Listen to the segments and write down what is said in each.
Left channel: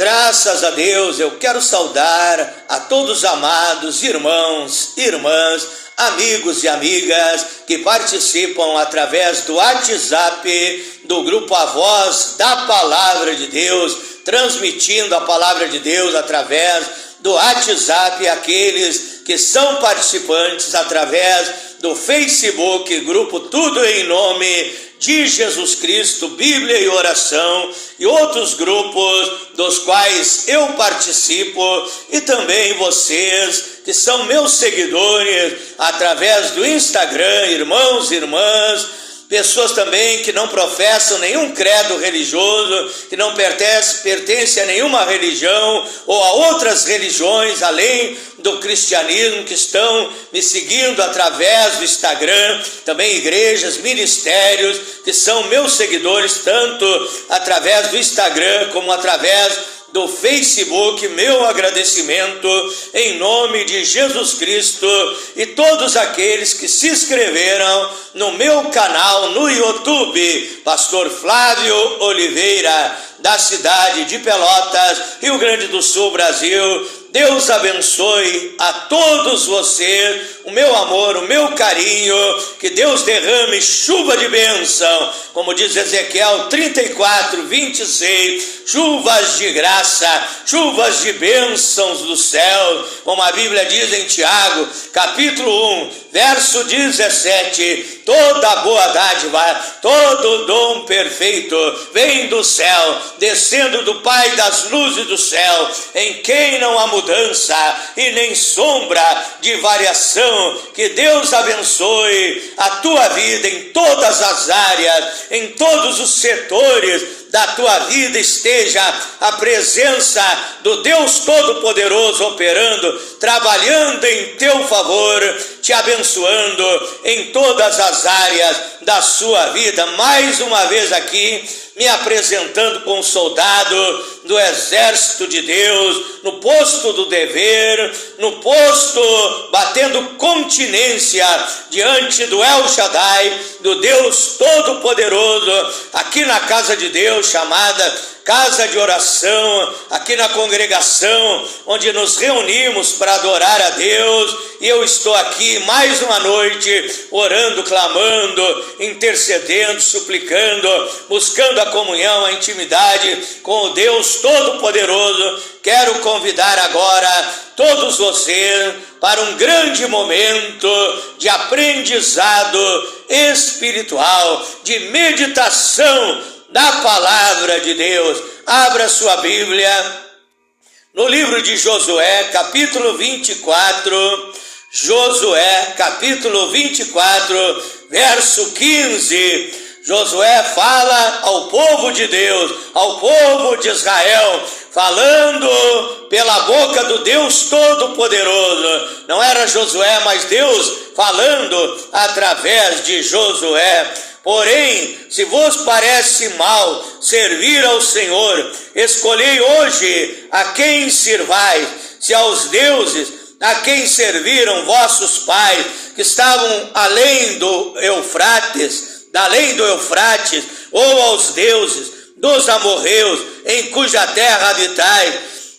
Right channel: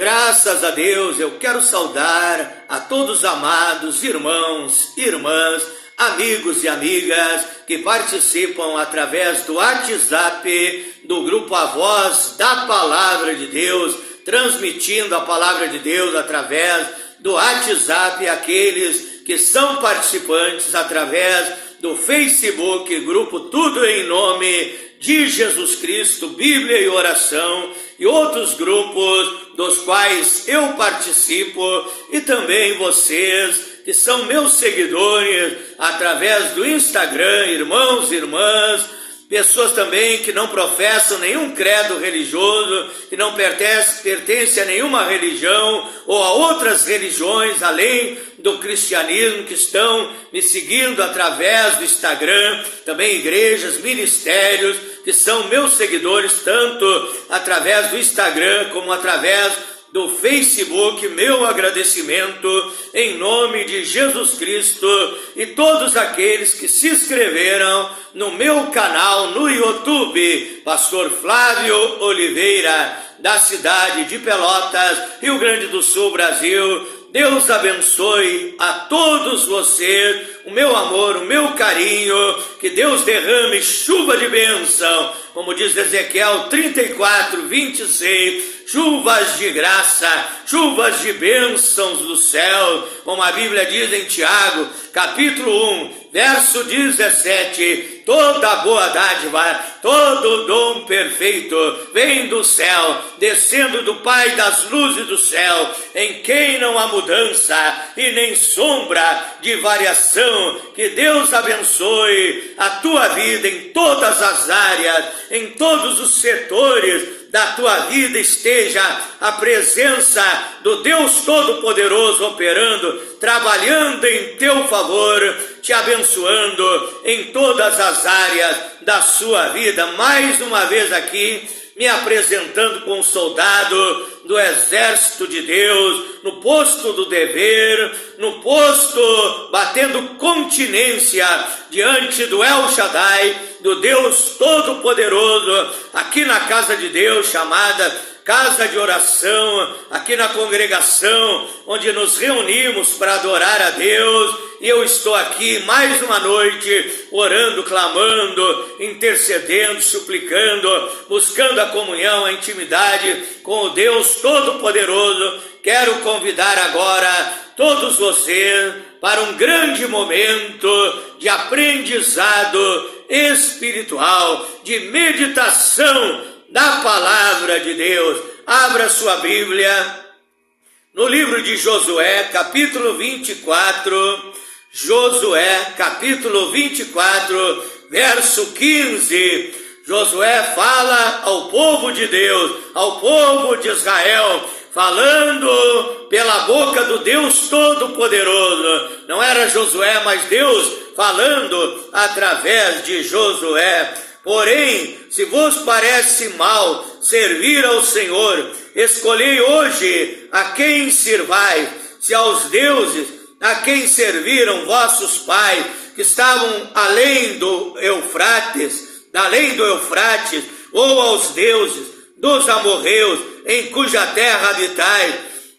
Graças a Deus, eu quero saudar a todos os amados irmãos, irmãs, amigos e amigas que participam através do WhatsApp do grupo A Voz da Palavra de Deus, transmitindo a Palavra de Deus através do WhatsApp, aqueles que são participantes através do Facebook, grupo Tudo em Nome de Jesus Cristo, Bíblia e Oração, e outros grupos dos quais eu participo, e também vocês que são meus seguidores através do Instagram, irmãos e irmãs, pessoas também que não professam nenhum credo religioso, que não pertencem a nenhuma religião ou a outras religiões além do cristianismo, que estão me seguindo através do Instagram, também igrejas, ministérios, que são meus seguidores, tanto através do Instagram como através do Facebook. Meu agradecimento em nome de Jesus Cristo, e todos aqueles que se inscreveram no meu canal no YouTube, Pastor Flávio Oliveira, da cidade de Pelotas, Rio Grande do Sul, Brasil. Deus abençoe a todos vocês, o meu amor, o meu carinho, que Deus derrame chuva de bênção, como diz Ezequiel 34, 26, chuvas de graça, chuvas de bênçãos do céu, como a Bíblia diz em Tiago, capítulo 1, verso 17, toda boa dádiva, todo dom perfeito vem do céu, descendo do Pai das luzes do céu, em quem não há mudança e nem sombra de variação. Que Deus abençoe a tua vida em todas as áreas, em todos os setores da tua vida esteja a presença do Deus Todo-Poderoso operando, trabalhando em teu favor, te abençoando em todas as áreas da sua vida. Mais uma vez aqui, me apresentando como soldado do exército de Deus, no posto do dever, no posto batendo continência diante do El Shaddai, do Deus Todo-Poderoso, aqui na casa de Deus, chamada Casa de Oração, aqui na congregação, onde nos reunimos para adorar a Deus, e eu estou aqui mais uma noite, orando, clamando, intercedendo, suplicando, buscando a comunhão, a intimidade com o Deus Todo-Poderoso. Quero convidar agora todos vocês para um grande momento de aprendizado espiritual, de meditação da Palavra de Deus. Abra sua Bíblia no livro de Josué, capítulo 24, Josué, capítulo 24, verso 15. Josué fala ao povo de Deus, ao povo de Israel, falando pela boca do Deus Todo-Poderoso. Não era Josué, mas Deus falando através de Josué. Porém, se vos parece mal servir ao Senhor, escolhei hoje a quem sirvais, se aos deuses a quem serviram vossos pais, que estavam além do Eufrates, ou aos deuses dos amorreus, em cuja terra habitais.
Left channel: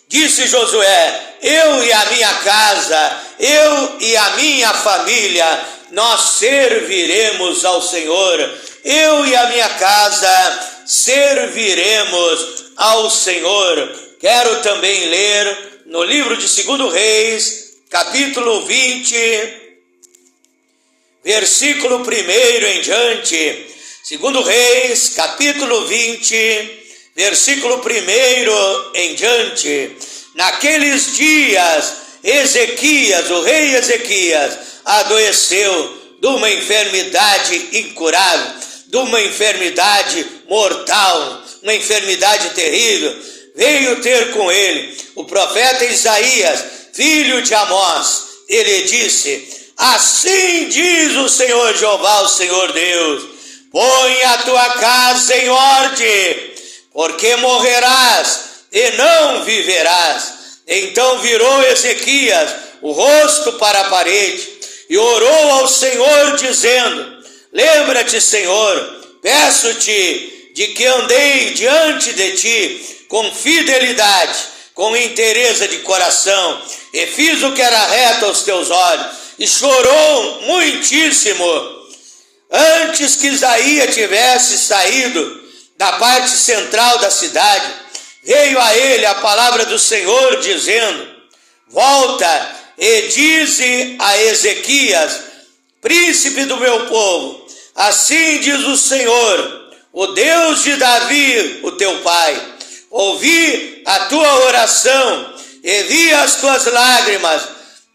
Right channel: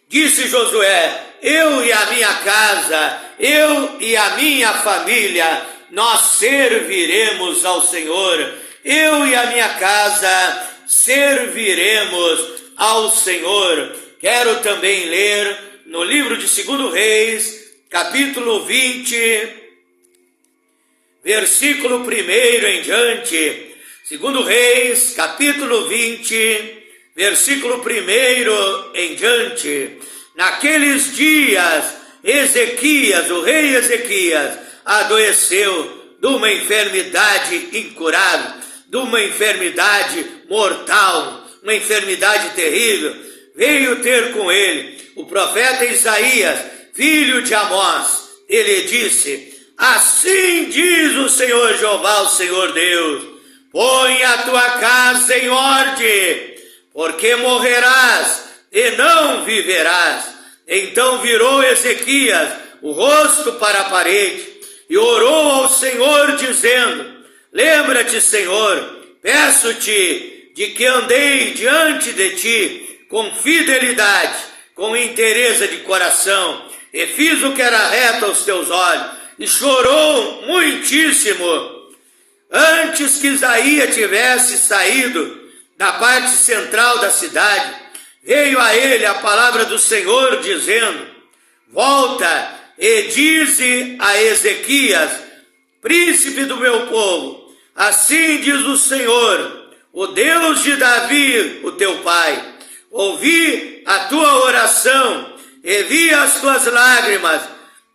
Disse Josué: eu e a minha casa, eu e a minha família, nós serviremos ao Senhor. Eu e a minha casa serviremos ao Senhor. Quero também ler no livro de 2 Reis, capítulo 20, versículo 1 em diante. 2 Reis, capítulo 20, versículo 1 em diante. Naqueles dias, Ezequias, o rei Ezequias, adoeceu de uma enfermidade incurável, de uma enfermidade mortal, uma enfermidade terrível. Veio ter com ele o profeta Isaías, filho de Amós. Ele disse: assim diz o Senhor Jeová, o Senhor Deus: põe a tua casa em ordem, porque morrerás e não viverás. Então virou Ezequias o rosto para a parede e orou ao Senhor, dizendo: lembra-te, Senhor, peço-te, de que andei diante de ti com fidelidade, com inteireza de coração, e fiz o que era reto aos teus olhos, e chorou muitíssimo. Antes que Isaías tivesse saído da parte central da cidade, veio a ele a palavra do Senhor, dizendo: volta e dize a Ezequias, príncipe do meu povo, assim diz o Senhor, o Deus de Davi, o teu pai, ouvi a tua oração e vi as tuas lágrimas,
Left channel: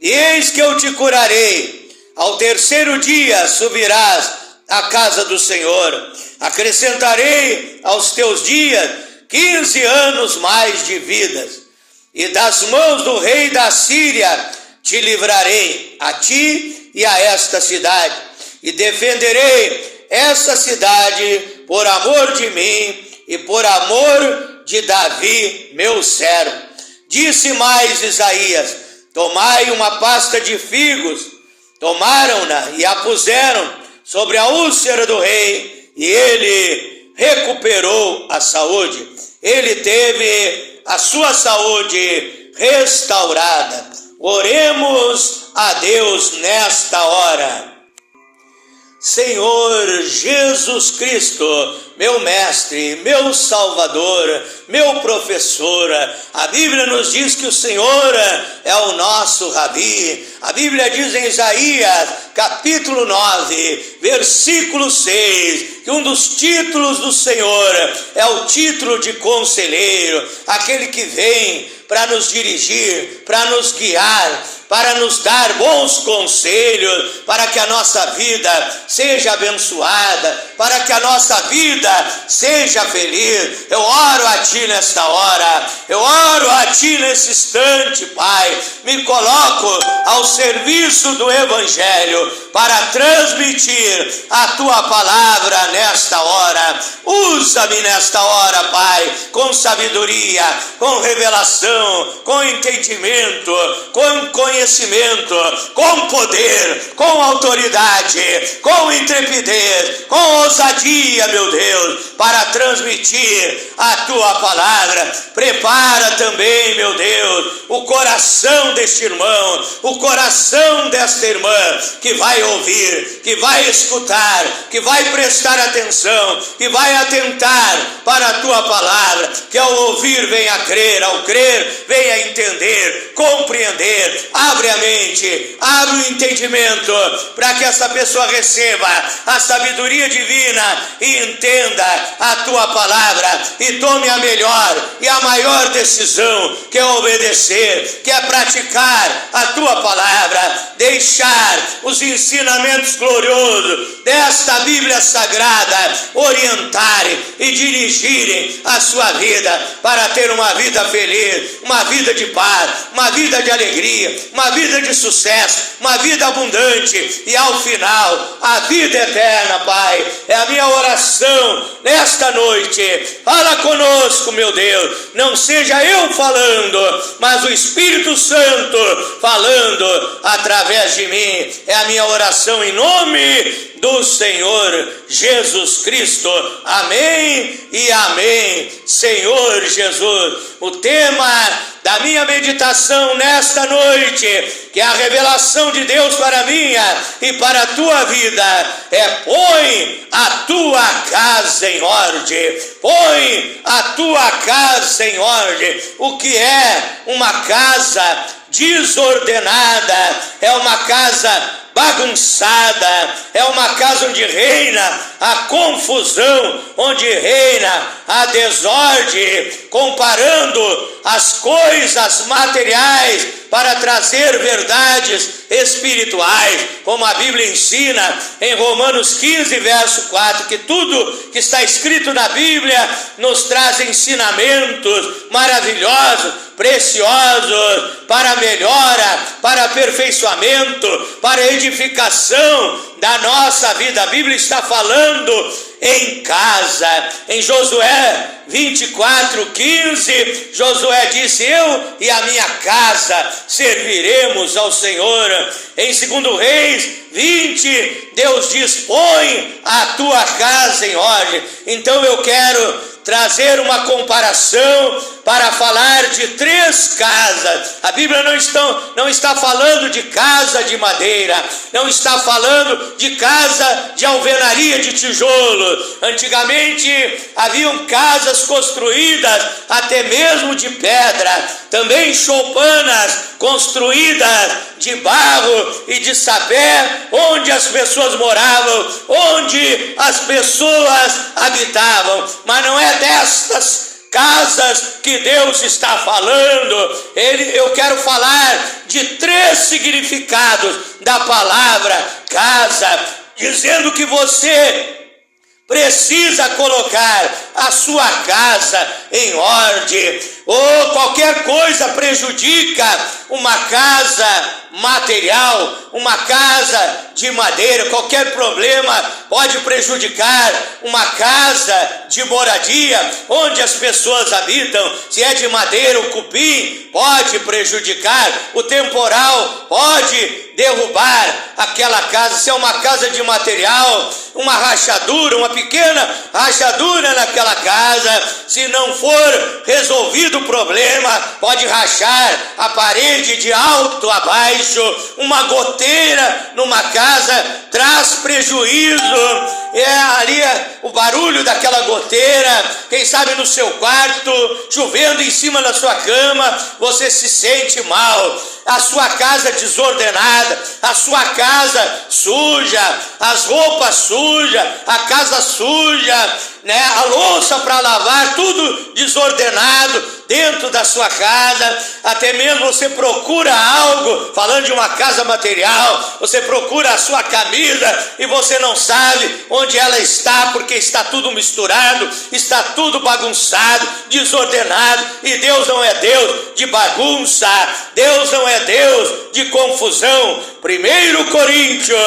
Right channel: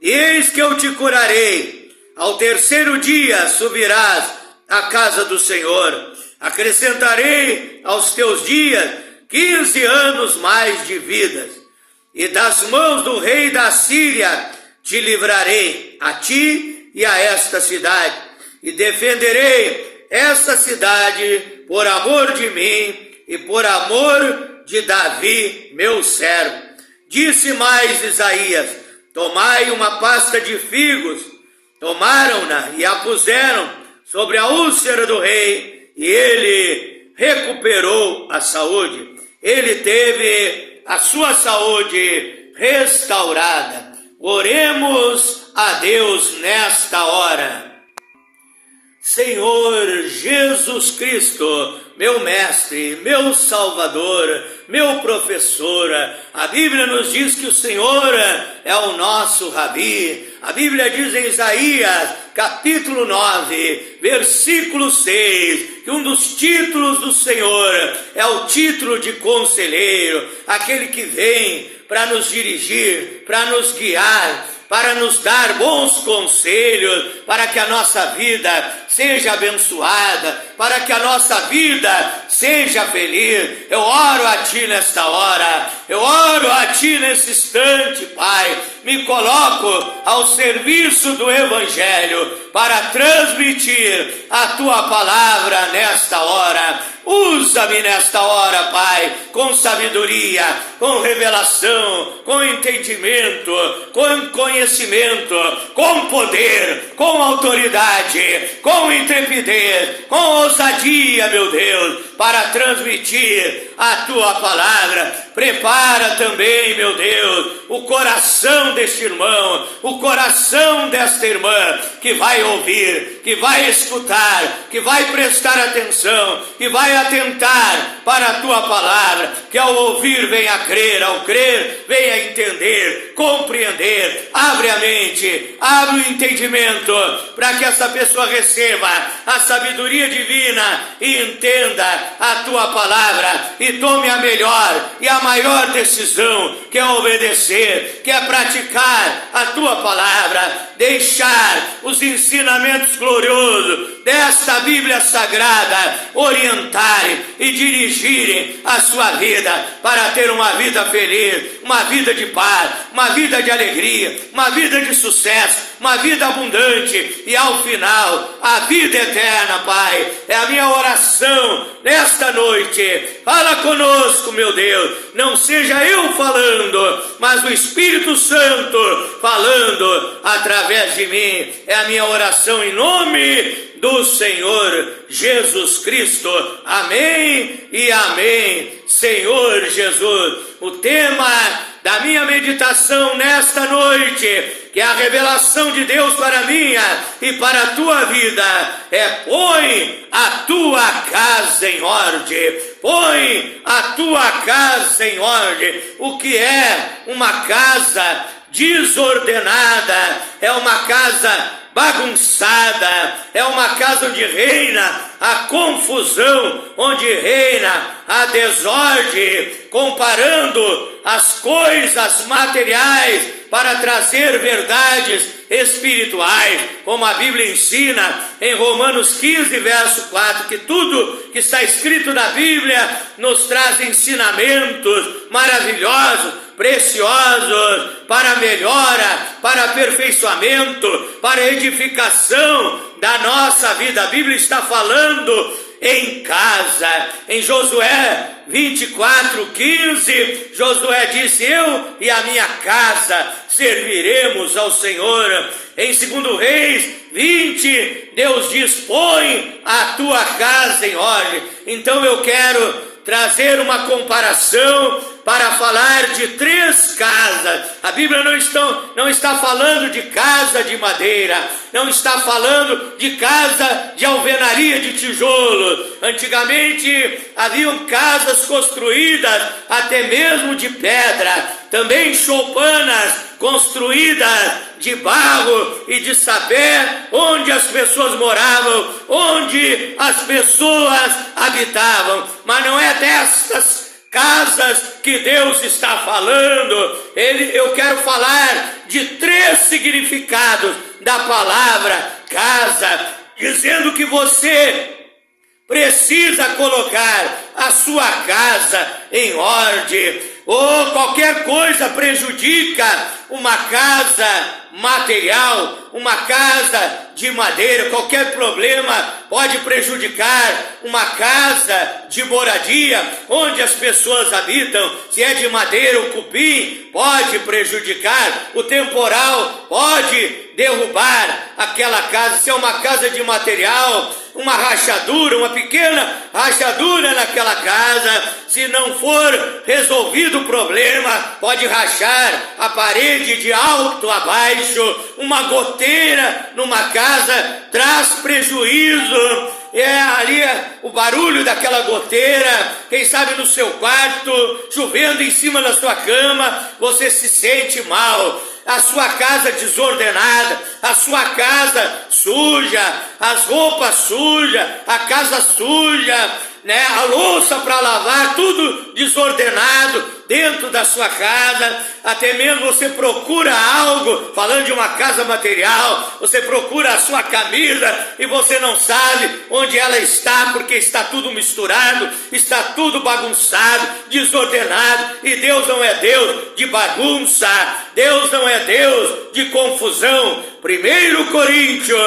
e eis que eu te curarei. Ao terceiro dia subirás à casa do Senhor, acrescentarei aos teus dias 15 anos mais de vidas, e das mãos do rei da Síria te livrarei, a ti e a esta cidade, e defenderei essa cidade por amor de mim e por amor de Davi, meu servo. Disse mais Isaías: tomai uma pasta de figos. Tomaram-na e a puseram sobre a úlcera do rei, e ele recuperou a saúde. Ele teve a sua saúde restaurada. Oremos a Deus nesta hora. Senhor Jesus Cristo, meu mestre, meu salvador, meu professor, a Bíblia nos diz que o Senhor é o nosso Rabi. A Bíblia diz em Isaías, capítulo 9, versículo 6, que um dos títulos do Senhor é o título de conselheiro, aquele que vem para nos dirigir, para nos guiar, para nos dar bons conselhos, para que a nossa vida seja abençoada, para que a nossa vida seja feliz. Eu oro a Ti nesta hora, eu oro a Ti nesse instante, Pai. Me coloco ao serviço do Evangelho para transmitir a Tua palavra nesta hora. Usa-me nesta hora, Pai, com sabedoria, com revelação, com entendimento, com conhecimento, com poder, com autoridade, com intrepidez, com ousadia, meu Deus, para transmitir a Tua palavra. Prepara também, meu Deus, o coração deste irmão, o coração desta irmã, que vai ouvir, que vai escutar, que vai prestar atenção, que vai atentar para a Tua palavra, que ao ouvir venha crer, ao crer venha entender, compreender. Abre a mente, abre o entendimento, para que essa pessoa receba a sabedoria divina e entenda a Tua palavra e tome a melhor e a maior decisão, que é obedecer, que é praticar a Tua palavra, deixar os ensinamentos gloriosos desta Bíblia Sagrada orientarem e dirigirem a sua vida para ter uma vida feliz, uma vida de paz, uma vida de alegria, uma vida de sucesso, uma vida abundante e ao final a vida eterna, Pai. É a minha oração nesta noite. Fala conosco, meu Deus, não seja eu falando, mas o Espírito Santo falando através de mim. É a minha oração em nome do Senhor Jesus Cristo. Amém e amém. Senhor Jesus, o tema da minha meditação nesta noite, que é a revelação de Deus para a minha e para a tua vida, é: põe a tua casa em ordem. Põe a tua casa em ordem. O que é uma casa desordenada? É uma casa bagunçada, é uma casa onde reina a confusão, onde reina a desordem, comparando as coisas materiais para trazer verdades espirituais, como a Bíblia ensina em Romanos 15, verso 4, que tudo que está escrito na Bíblia nos traz ensinamentos maravilhosos, preciosos, para melhora, para aperfeiçoamento, para edificação da nossa vida. A Bíblia está falando em casa. Em Josué 24:15, Josué disse: eu e a minha casa serviremos ao Senhor. Em 2 Reis 20, Deus diz: põe a tua casa em ordem. Então eu quero trazer uma comparação para falar de 3 casas. A Bíblia não está falando de casa de madeira, não está falando de casa de alvenaria de tijolo. Antigamente haviam casas construídas até mesmo de pedra, também choupanas construídas de barro e de sapé, onde as pessoas moravam, onde as pessoas habitavam. Mas não é destas casas que Deus está falando. Eu quero falar de 3 significados da palavra casa, dizendo que você precisa colocar a sua casa em ordem, ou qualquer coisa prejudica uma casa material, uma casa de madeira. Qualquer problema pode prejudicar uma casa de moradia, onde as pessoas habitam. Se é de madeira, o cupim pode prejudicar, o temporal pode derrubar aquela casa. Se é uma casa de material, uma rachadura, uma pequena rachadura naquela casa, se não for resolvido o problema, pode rachar a parede de alto a baixo. Uma goteira numa casa traz prejuízo. Ali o barulho daquela goteira, quem sabe no seu quarto, chovendo em cima da sua cama, você se sente mal. A sua casa desordenada, a sua casa suja, as roupas sujas, a casa suja, né? A louça para lavar, tudo desordenado dentro da sua casa. Até mesmo você procura algo, falando de uma casa material, você procura a sua camisa e você não sabe onde ela está, porque está tudo misturado, está tudo bagunçado, desordenado. E Deus não é Deus de bagunça, Deus não é Deus de confusão. 1 Coríntios,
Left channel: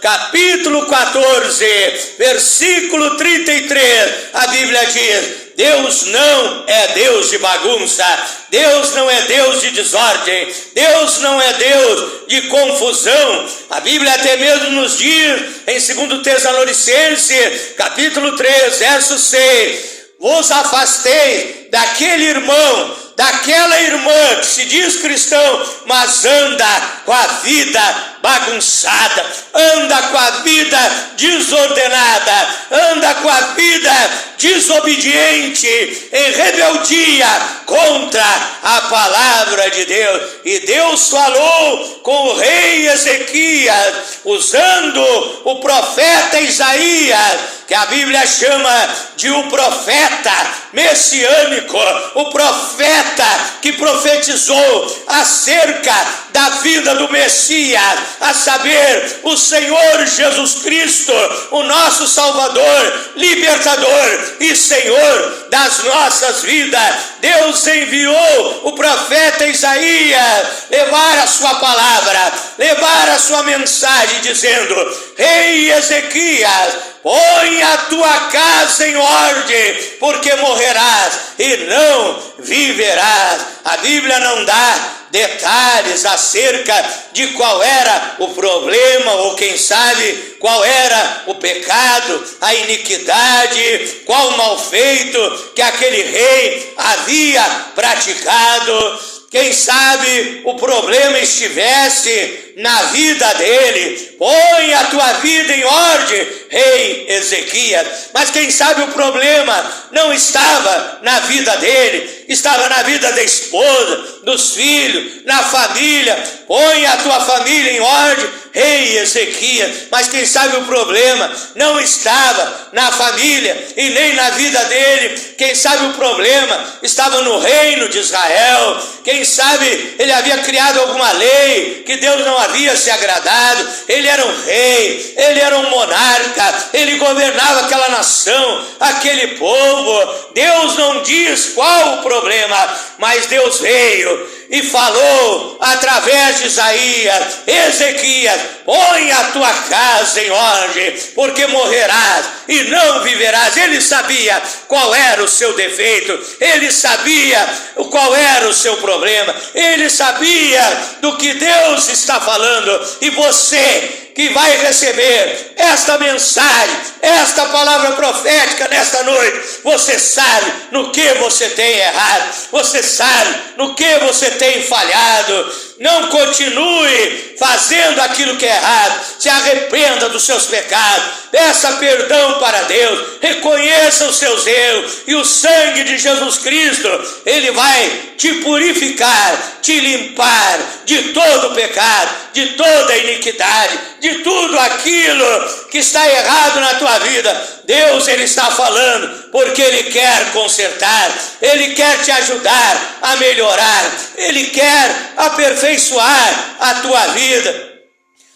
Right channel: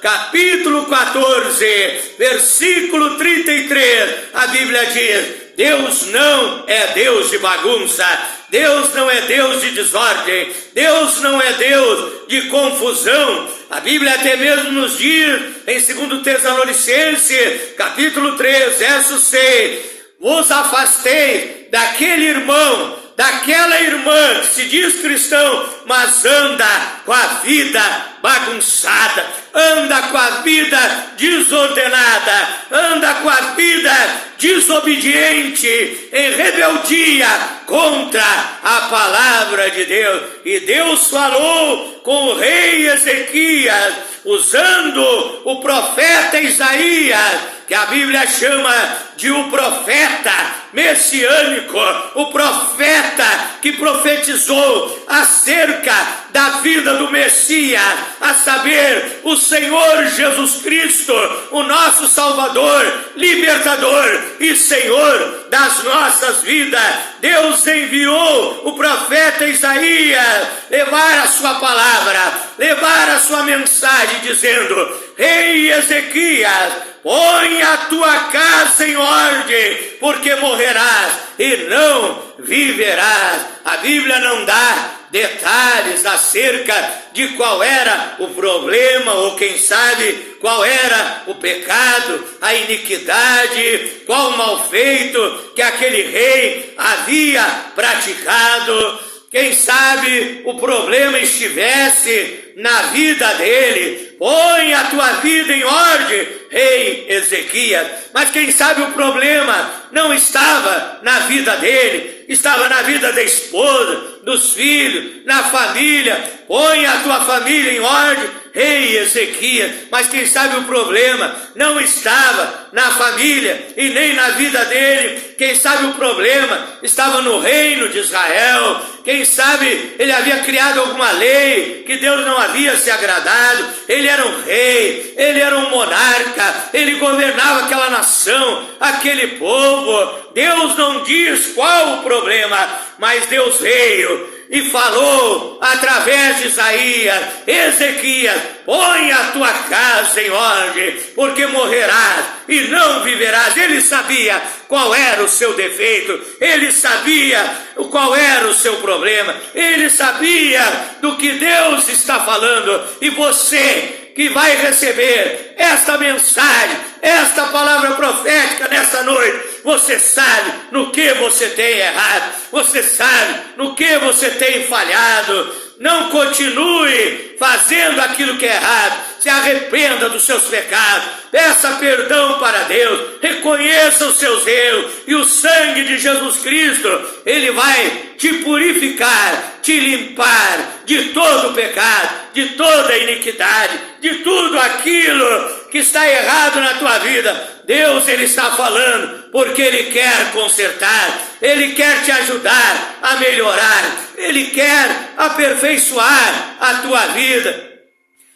capítulo 14, versículo 33, a Bíblia diz: Deus não é Deus de bagunça, Deus não é Deus de desordem, Deus não é Deus de confusão. A Bíblia até mesmo nos diz em 2 Tessalonicenses, capítulo 3, verso 6: vos afastei daquele irmão, daquela irmã que se diz cristão, mas anda com a vida bagunçada, anda com a vida desordenada, anda com a vida desobediente, em rebeldia contra a palavra de Deus. E Deus falou com o rei Ezequias, usando o profeta Isaías, que a Bíblia chama de um profeta messiânico, o profeta que profetizou acerca da vida do Messias, a saber, o Senhor Jesus Cristo, o nosso Salvador, libertador e Senhor das nossas vidas. Deus enviou o profeta Isaías levar a sua palavra, levar a sua mensagem, dizendo: Rei Ezequias, põe a tua casa em ordem, porque morrerás e não viverás. A Bíblia não dá detalhes acerca de qual era o problema, ou quem sabe qual era o pecado, a iniquidade, qual o mal feito que aquele rei havia praticado. Quem sabe o problema estivesse na vida dele. Põe a tua vida em ordem, rei Ezequias. Mas quem sabe o problema não estava na vida dele, estava na vida da esposa, dos filhos, na família. Põe a tua família em ordem, rei Ezequias. Mas quem sabe o problema não estava na família e nem na vida dele. Quem sabe o problema estava no reino de Israel. Quem sabe ele havia criado alguma lei que Deus não havia se agradado. Ele era um rei, ele era um monarca, ele governava aquela nação, aquele povo. Deus não diz qual o problema, mas Deus veio e falou através de Isaías: Ezequias, põe a tua casa em ordem, porque morrerás e não viverás. Ele sabia qual era o seu defeito, ele sabia qual era o seu problema, ele sabia do que Deus está falando. E você que vai receber esta mensagem, esta palavra profética nesta noite, você sabe no que você tem errado, você sabe no que você tem falhado. Não continue fazendo aquilo que é errado. Se arrependa dos seus pecados. Peça perdão para Deus. Reconheça os seus erros. E o sangue de Jesus Cristo, ele vai te purificar, te limpar de todo pecado, de toda iniquidade, de tudo aquilo que está errado na tua vida. Deus, ele está falando porque ele quer consertar, ele quer te ajudar a melhorar, ele quer aperfeiçoar a tua vida.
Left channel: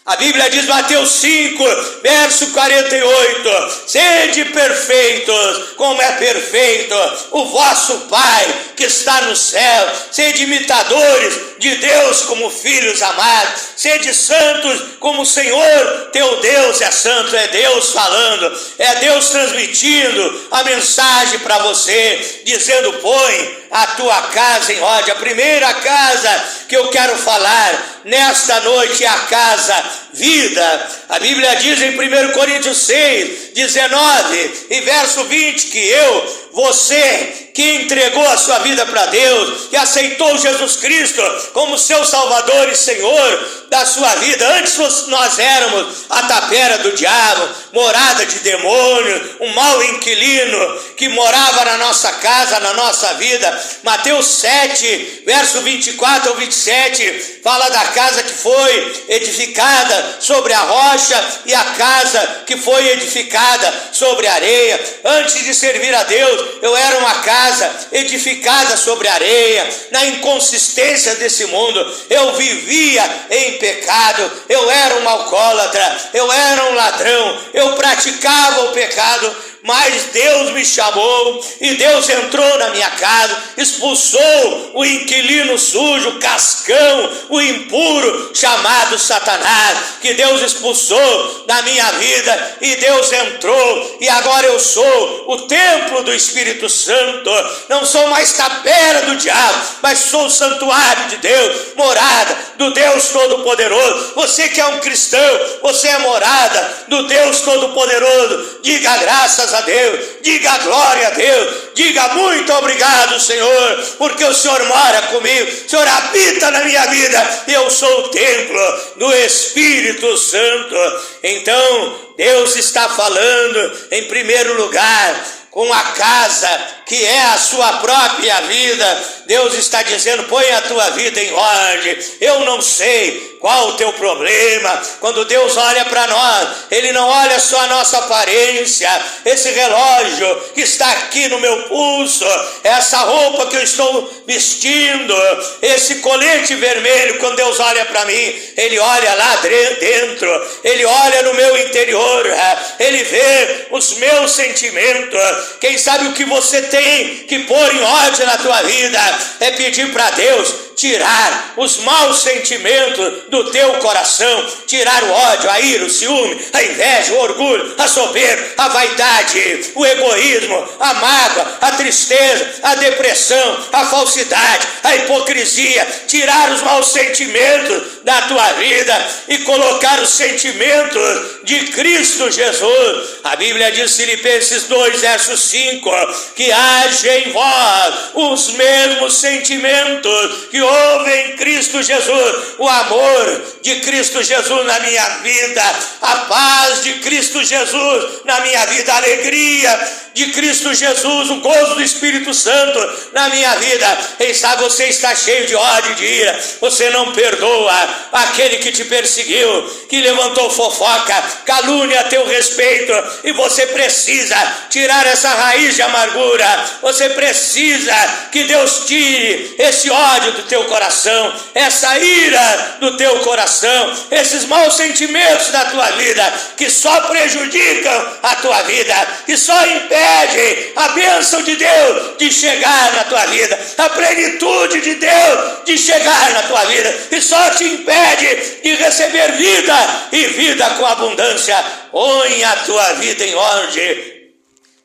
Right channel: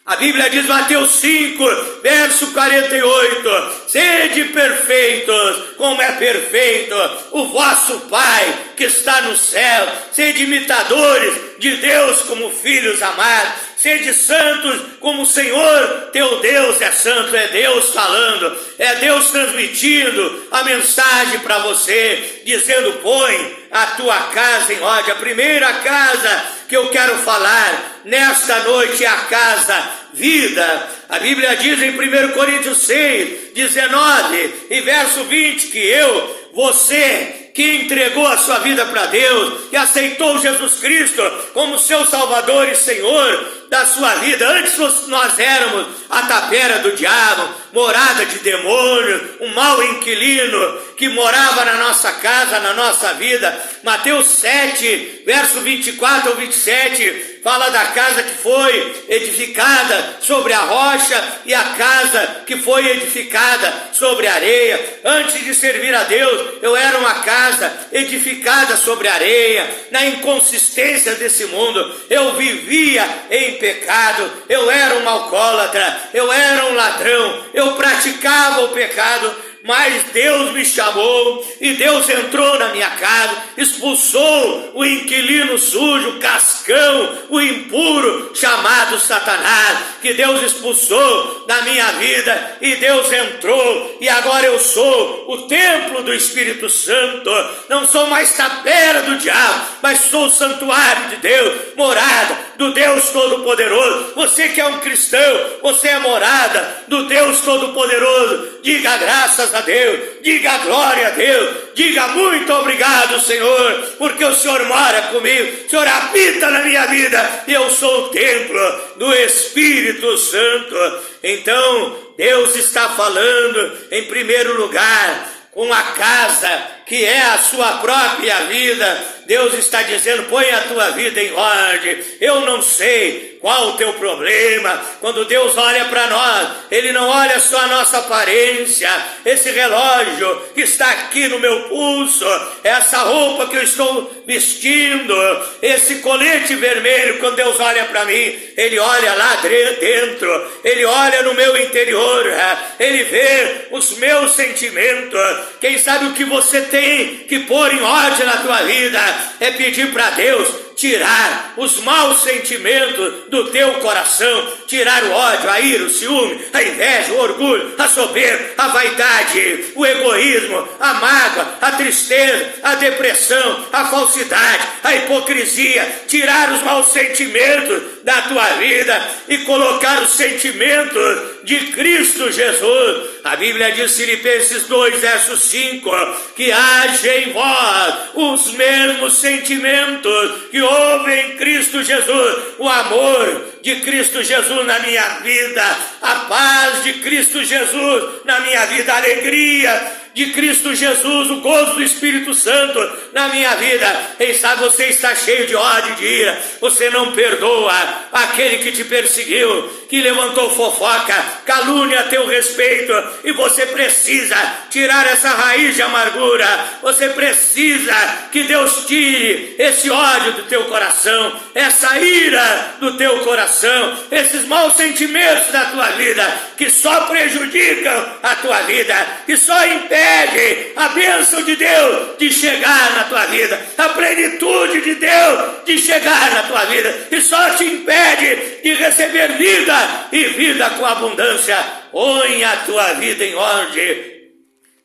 A Bíblia diz, Mateus 5, verso 48, sede perfeitos, como é perfeito o vosso Pai que está no céu. Sede imitadores de Deus como filhos amados. Sede santos como o Senhor teu Deus é santo. É Deus falando, é Deus transmitindo a mensagem para você, dizendo, põe a tua casa em ordem. A primeira casa que eu quero falar nesta noite é a casa vida. A Bíblia diz em 1 Coríntios 6, 19 e verso 20 que você que entregou a sua vida para Deus, que aceitou Jesus Cristo como seu Salvador e Senhor da sua vida. Antes nós éramos a tapera do diabo, morada de demônio, um mau inquilino que morava na nossa casa, na nossa vida. Mateus 7, verso 24 ao 27, fala da casa que foi edificada sobre a rocha e a casa que foi edificada sobre a areia. Antes de servir a Deus, eu era uma casa edificada sobre areia, na inconsistência desse mundo. Eu vivia em pecado, eu era um alcoólatra, eu era um ladrão, eu praticava o pecado. Mas Deus me chamou e Deus entrou na minha casa, expulsou o inquilino sujo, o cascão, o impuro chamado Satanás, que Deus expulsou da minha vida, e Deus entrou, e agora eu sou o templo do Espírito Santo. Não sou mais tapera do diabo, mas sou o santuário de Deus, morada do Deus Todo-Poderoso. Você que é um cristão, você é morada do Deus Todo-Poderoso. Diga graças a Deus, diga glória a Deus, diga muito obrigado, Senhor, porque o Senhor mora comigo, o Senhor habita na minha vida, e eu sou o templo do Espírito Santo. Então Deus está falando em primeiro lugar com a casa que é a sua própria vida. Deus está dizendo, põe a tua vida em ordem. Eu não sei qual o teu problema. Quando Deus olha para nós, Ele não olha só a nossa aparência. Esse relógio que está aqui no meu pulso, essa roupa que eu estou vestindo, esse colete vermelho, quando Deus olha para mim, Ele olha lá dentro, Ele olha no meu interior, Ele vê os meus sentimentos. Quem sabe o que você tem que pôr em ordem na tua vida é pedir para Deus tirar os maus sentimentos do teu coração, tirar o ódio, a ira, o ciúme, a inveja, o orgulho, a soberba, a vaidade, o egoísmo, a mágoa, a tristeza, a depressão, a falsidade, a hipocrisia. Tirar os maus sentimentos da tua vida e colocar os sentimentos de Cristo Jesus. A Bíblia diz, Filipenses 2, verso 5, que haja em vós os mesmos sentimentos que houve em Cristo Jesus, o amor de Cristo Jesus na minha vida, a paz de Cristo Jesus na minha vida, a alegria de Cristo Jesus, o gozo do Espírito Santo na minha vida. Quem sabe você está cheio de ódio e de ira, você não perdoa aquele que te perseguiu, que levantou fofoca, calúnia a teu respeito, e você precisa tirar essa raiz de amargura. Você precisa que Deus tire esse ódio do teu coração, essa ira do teu coração, esses maus sentimentos da tua vida, que só prejudicam a tua vida, que só impedem a bênção de Deus de chegar na tua vida, a plenitude de Deus de chegar na tua vida, e só te impede de receber vida e vida com abundância. Põe a tua vida em ordem.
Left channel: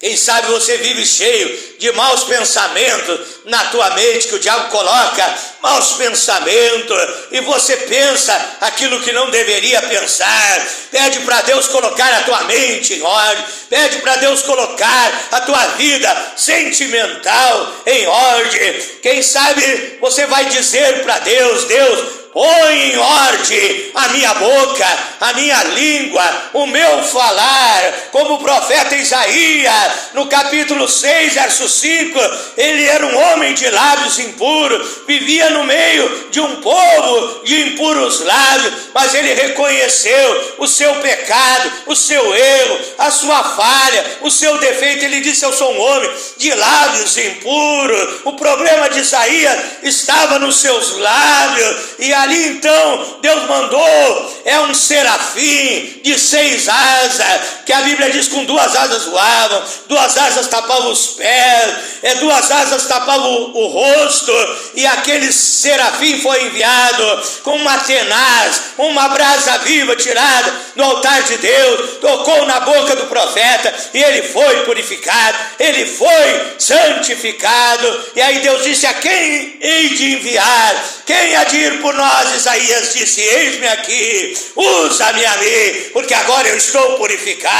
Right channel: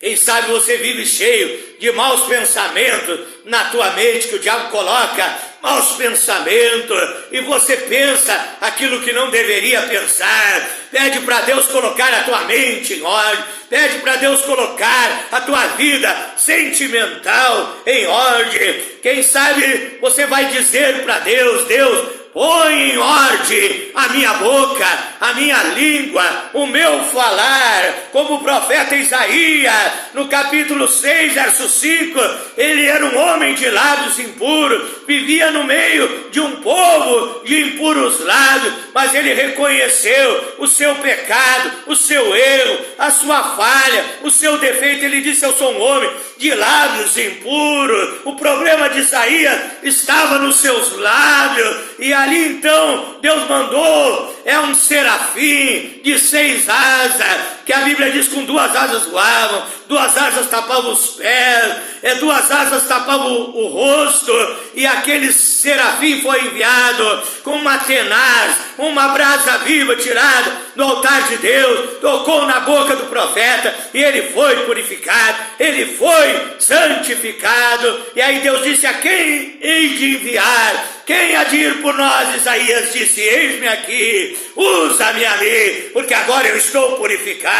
Quem sabe você vive cheio de maus pensamentos na tua mente, que o diabo coloca maus pensamentos, e você pensa aquilo que não deveria pensar. Pede para Deus colocar a tua mente em ordem, pede para Deus colocar a tua vida sentimental em ordem. Quem sabe você vai dizer para Deus: Deus, põe em ordem a minha boca, a minha língua, o meu falar, como o profeta Isaías, no capítulo 6, verso 5, ele era um homem de lábios impuros, vivia no meio de um povo de impuros lábios, mas ele reconheceu o seu pecado, o seu erro, a sua falha, o seu defeito. Ele disse: eu sou um homem de lábios impuros. O problema de Isaías estava nos seus lábios, e ali então Deus mandou, um serafim de 6 asas, que a Bíblia diz com 2 asas voavam, 2 asas tapavam os pés, 2 asas tapavam o rosto, e aquele serafim foi enviado com uma tenaz, uma brasa viva tirada do altar de Deus, tocou na boca do profeta, e ele foi purificado, ele foi santificado. E aí Deus disse: a quem hei de enviar? Quem há de ir por nós? Isaías disse: eis-me aqui, usa-me a mim, porque agora eu estou purificado.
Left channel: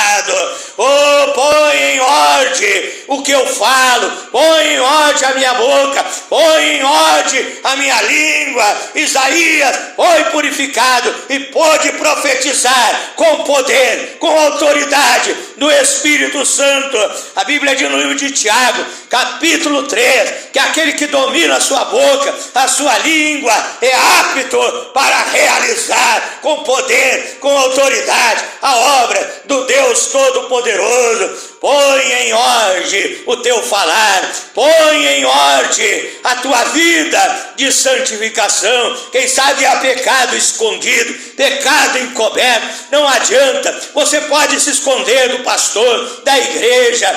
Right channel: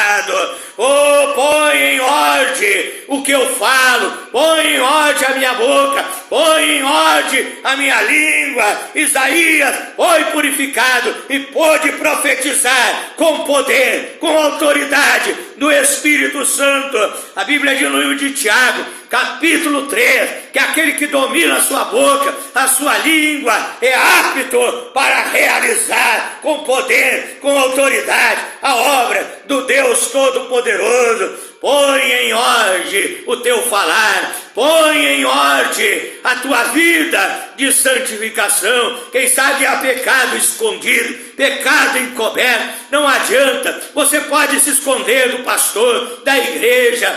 Oh, põe em ordem o que eu falo, põe em ordem a minha boca, põe em ordem a minha língua. Isaías foi purificado e pôde profetizar com poder, com autoridade do Espírito Santo. A Bíblia diz no livro de Tiago, capítulo 3, que aquele que domina a sua boca, a sua língua, é apto para realizar com poder, com autoridade, a obra do Deus Todo-Poderoso. Põe em ordem o teu falar, põe em ordem a tua vida de santificação. Quem sabe há pecado escondido, pecado encoberto, não adianta. Você pode se esconder do pastor, da igreja,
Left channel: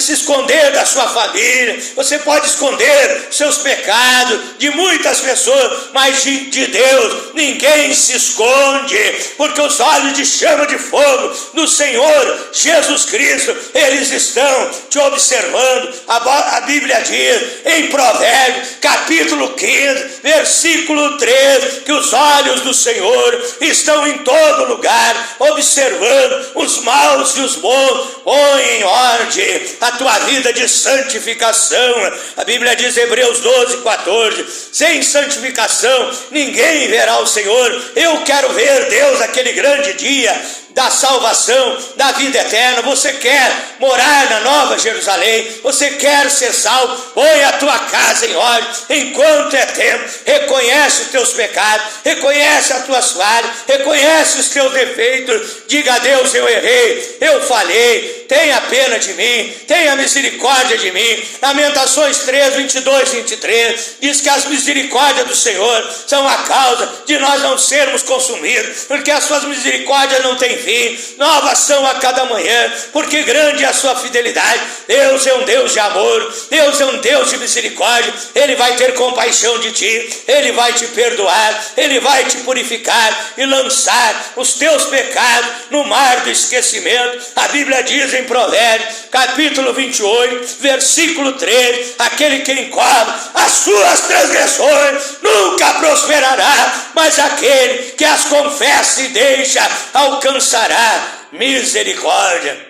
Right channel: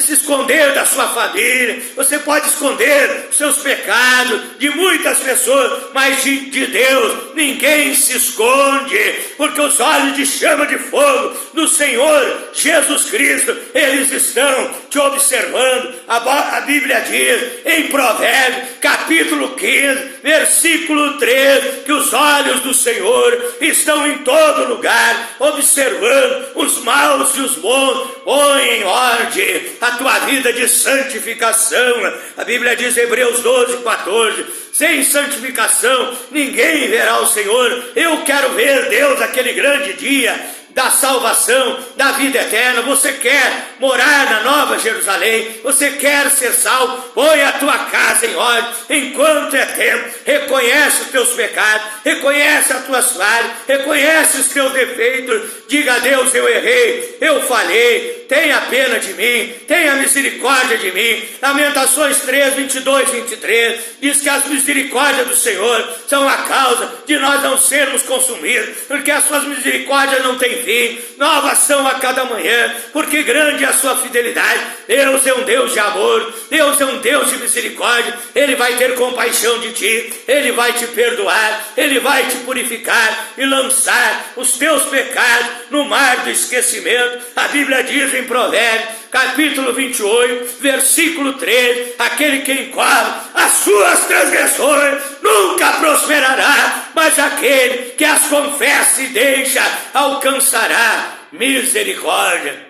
se esconder da sua família, você pode esconder seus pecados de muitas pessoas, mas de Deus ninguém se esconde, porque os olhos de chama de fogo do Senhor Jesus Cristo, eles estão te observando. A Bíblia diz em Provérbios, capítulo 15, versículo 3, que os olhos do Senhor estão em todo lugar, observando os maus e os bons. Põe em ordem a tua vida de santificação. A Bíblia diz, Hebreus 12, 14, sem santificação ninguém verá o Senhor. Eu quero ver Deus aquele grande dia da salvação, da vida eterna. Você quer morar na Nova Jerusalém, você quer ser salvo, põe a tua casa em ordem, enquanto é tempo. Reconhece os teus pecados, reconhece as tuas falhas, reconhece os teus defeitos, diga a Deus: eu errei, eu falhei, tenha pena de mim, tenha misericórdia de mim. Lamentações 3, 22, 23, diz que as misericórdias do Senhor são a causa de nós não sermos consumidos, porque as suas misericórdias não têm fim, novas são a cada manhã, porque grande é a sua fidelidade. Deus é um Deus de amor, Deus é um Deus de misericórdia. Ele vai ter compaixão de ti, Ele vai te perdoar, Ele vai te purificar e lançar os teus pecados no mar do esquecimento. A Bíblia diz em Provérbios, capítulo 28, versículo 3, aquele que encobre as suas transgressões nunca prosperará, mas aquele que as confessa e deixa alcançará misericórdia.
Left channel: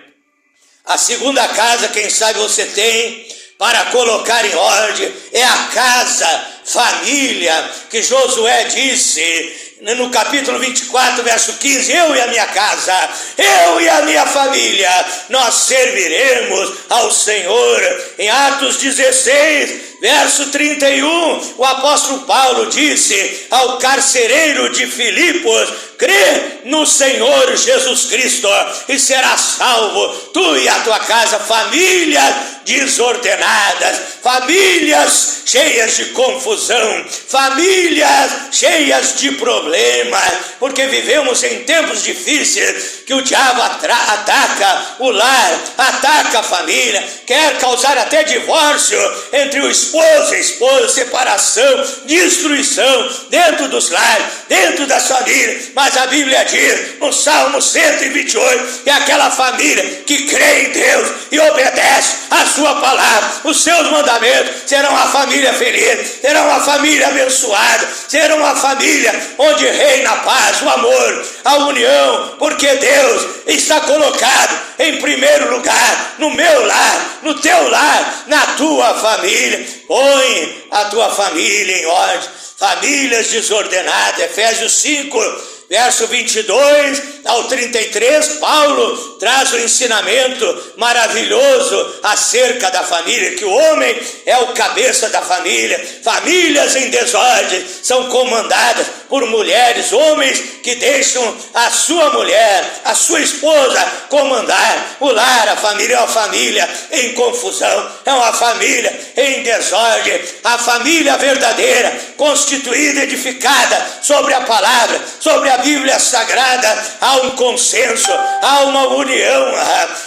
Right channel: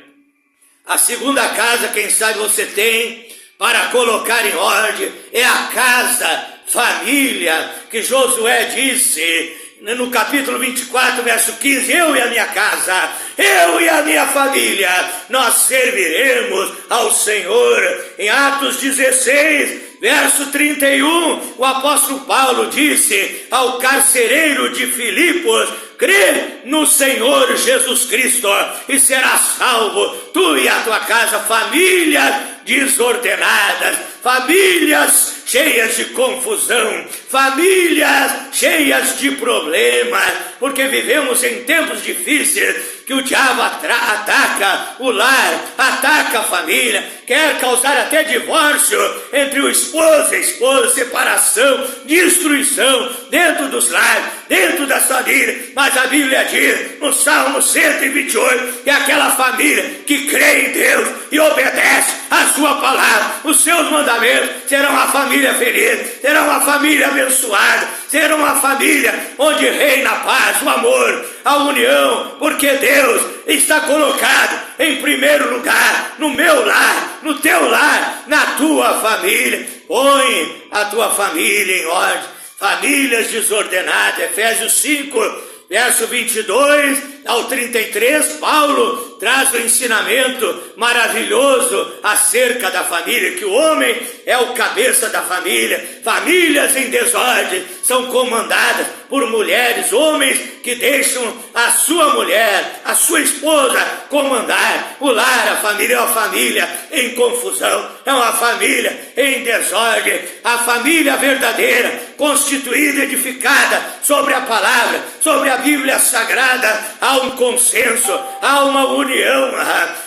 A segunda casa, quem sabe você tem para colocar em ordem, é a casa, família, que Josué disse no capítulo 24, verso 15, eu e a minha casa, eu e a minha família, nós serviremos ao Senhor. Em Atos 16, verso 31, o apóstolo Paulo disse ao carcereiro de Filipos: crê no Senhor Jesus Cristo e serás salvo, tu e a tua casa. Famílias desordenadas, famílias cheias de confusão, famílias cheias de problemas, porque vivemos em tempos difíceis, que o diabo ataca o lar, ataca a família, quer causar até divórcio entre o esposo e a esposa, separação, destruição dentro dos lares, dentro das famílias. Mas Mas a Bíblia diz, no Salmo 128, que aquela família que crê em Deus e obedece a sua palavra, os seus mandamentos, serão uma família feliz, serão uma família abençoada, serão uma família onde reina a paz, o amor, a união, porque Deus está colocado em primeiro lugar, no meu lar, no teu lar, na tua família. Põe a tua família em ordem. Famílias desordenadas, Efésios 5, verso 22 ao 33, Paulo traz um ensinamento maravilhoso acerca da família, que o homem é o cabeça da família. Famílias em desordem são comandadas por mulheres, homens que deixam a sua mulher, a sua esposa comandar o lar. A família é uma família em confusão, é uma família em desordem. A família verdadeira, constituída, edificada sobre a palavra, sobre a Bíblia Sagrada, há um consenso, há uma união,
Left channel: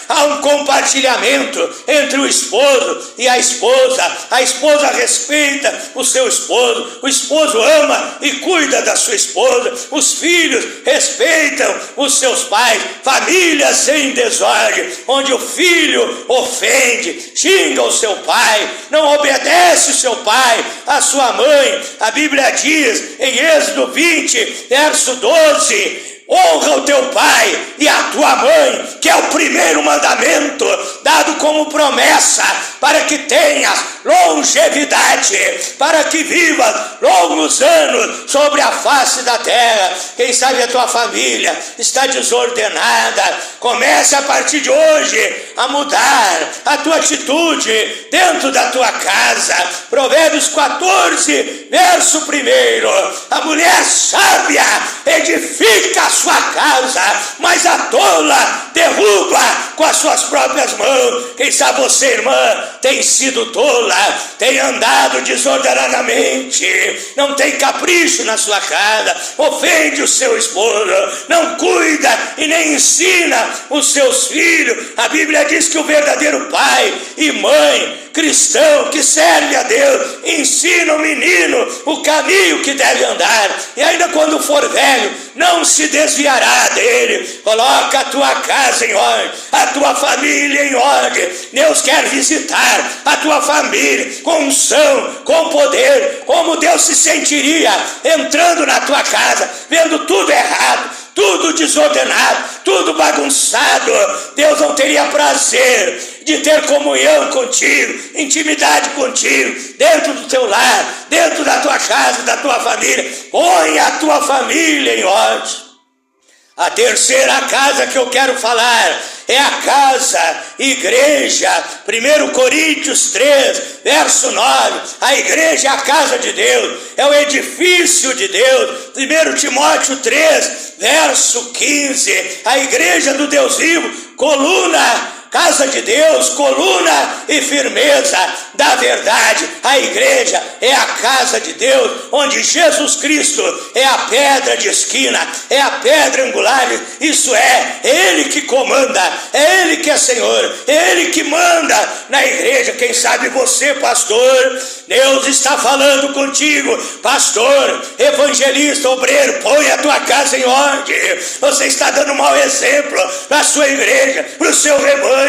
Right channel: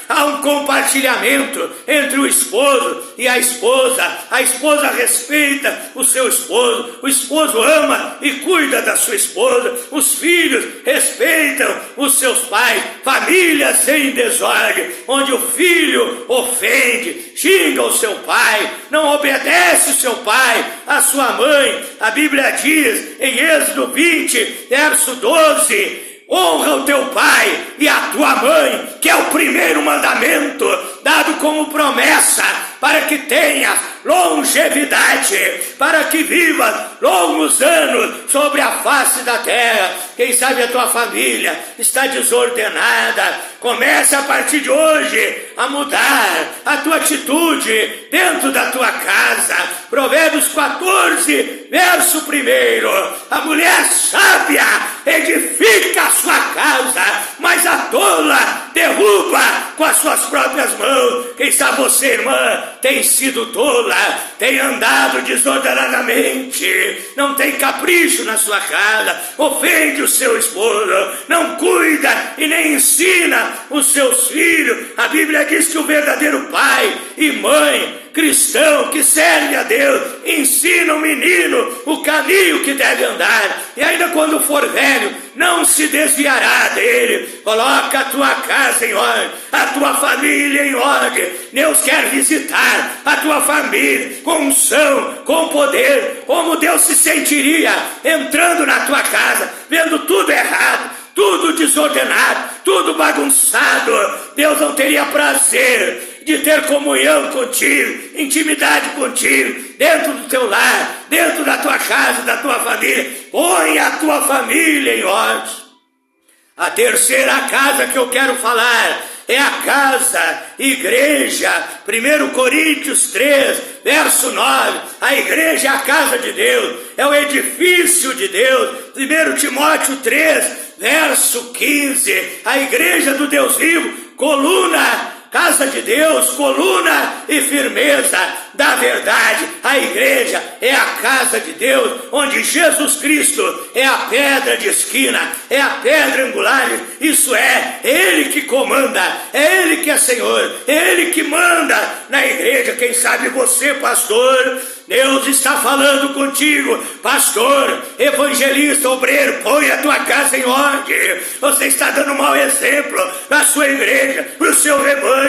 há um compartilhamento entre o esposo e a esposa. A esposa respeita o seu esposo, o esposo ama e cuida da sua esposa, os filhos respeitam os seus pais. Famílias em desordem, onde o filho ofende, xinga o seu pai, não obedece o seu pai, a sua mãe. A Bíblia diz em Êxodo 20, verso 12, honra o teu pai e a tua mãe, que é o primeiro mandamento, dado como promessa, para que tenhas longevidade, para que vivas longos anos sobre a face da terra. Quem sabe a tua família está desordenada, comece a partir de hoje a mudar a tua atitude dentro da tua casa. Provérbios 14, verso 1, a mulher sábia edifica a sua casa, mas a tola derruba com as suas próprias mãos. Quem sabe você, irmã, tem sido tola, tem andado desordenadamente, não tem capricho na sua casa, ofende o seu esposo, não cuida e nem ensina os seus filhos. A Bíblia diz que o verdadeiro pai e mãe cristão que serve a Deus ensina o menino o caminho que deve andar, e ainda quando for velho não se desviará dele. Coloca a tua casa em ordem, a tua família em ordem. Deus quer visitar a tua família com unção, com poder. Como Deus se sentiria entrando na tua casa, vendo tudo errado, tudo desordenado, tudo bagunçado? Deus não teria prazer de ter comunhão contigo, intimidade contigo, dentro do teu lar, dentro da tua casa, da tua família. Põe a tua família em ordem. A terceira casa que eu quero falar é a casa, igreja. 1 Coríntios 3, verso 9, a igreja é a casa de Deus, é o edifício de Deus. 1 Timóteo 3, verso 15, a igreja do Deus vivo, coluna, casa de Deus, coluna e firmeza da verdade. A igreja é a casa de Deus, onde Jesus Cristo é a pedra de esquina, é a pedra angular. Isso é Ele que comanda, é Ele que é Senhor, é Ele que manda na igreja. Quem sabe você, pastor, Deus está falando contigo, pastor, evangelista, obreiro, põe a tua casa em ordem. Você está dando um mau exemplo para a sua igreja, para o seu rebanho.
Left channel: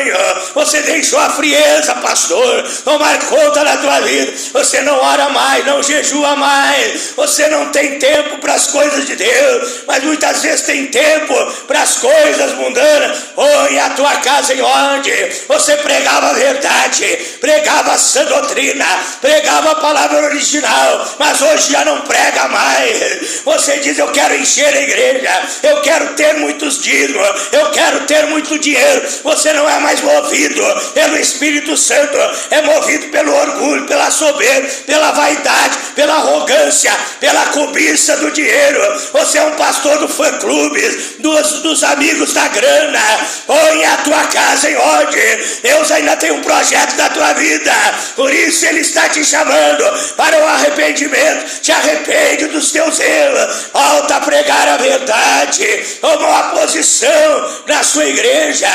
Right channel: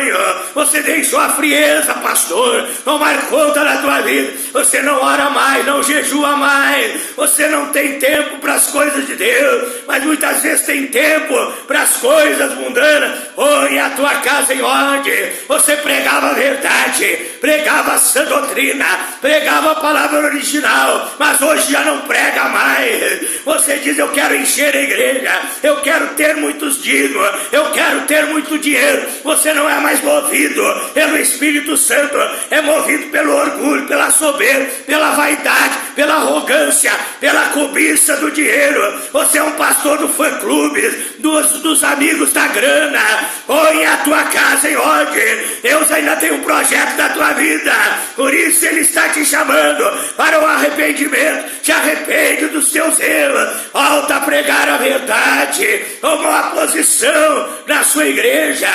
Você deixou a frieza, pastor, tomar conta da tua vida. Você não ora mais, não jejua mais, você não tem tempo para as coisas de Deus, mas muitas vezes tem tempo para as coisas mundanas. Põe a tua casa em ordem. Você pregava a verdade, pregava a sã doutrina, pregava a palavra original, mas hoje já não prega mais. Você diz: eu quero encher a igreja, eu quero ter muitos dízimos, eu quero ter muito dinheiro. Você não é mais movido pelo Espírito Santo, é movido pelo orgulho, pela soberba, pela vaidade, pela arrogância, pela cobiça do dinheiro. Você é um pastor do fã-clube, dos amigos da grana. Põe a tua casa em ordem. Deus ainda tem um projeto da tua vida, por isso Ele está te chamando para o arrependimento. Te arrepende dos teus erros, volta a pregar a verdade, toma uma posição na sua igreja.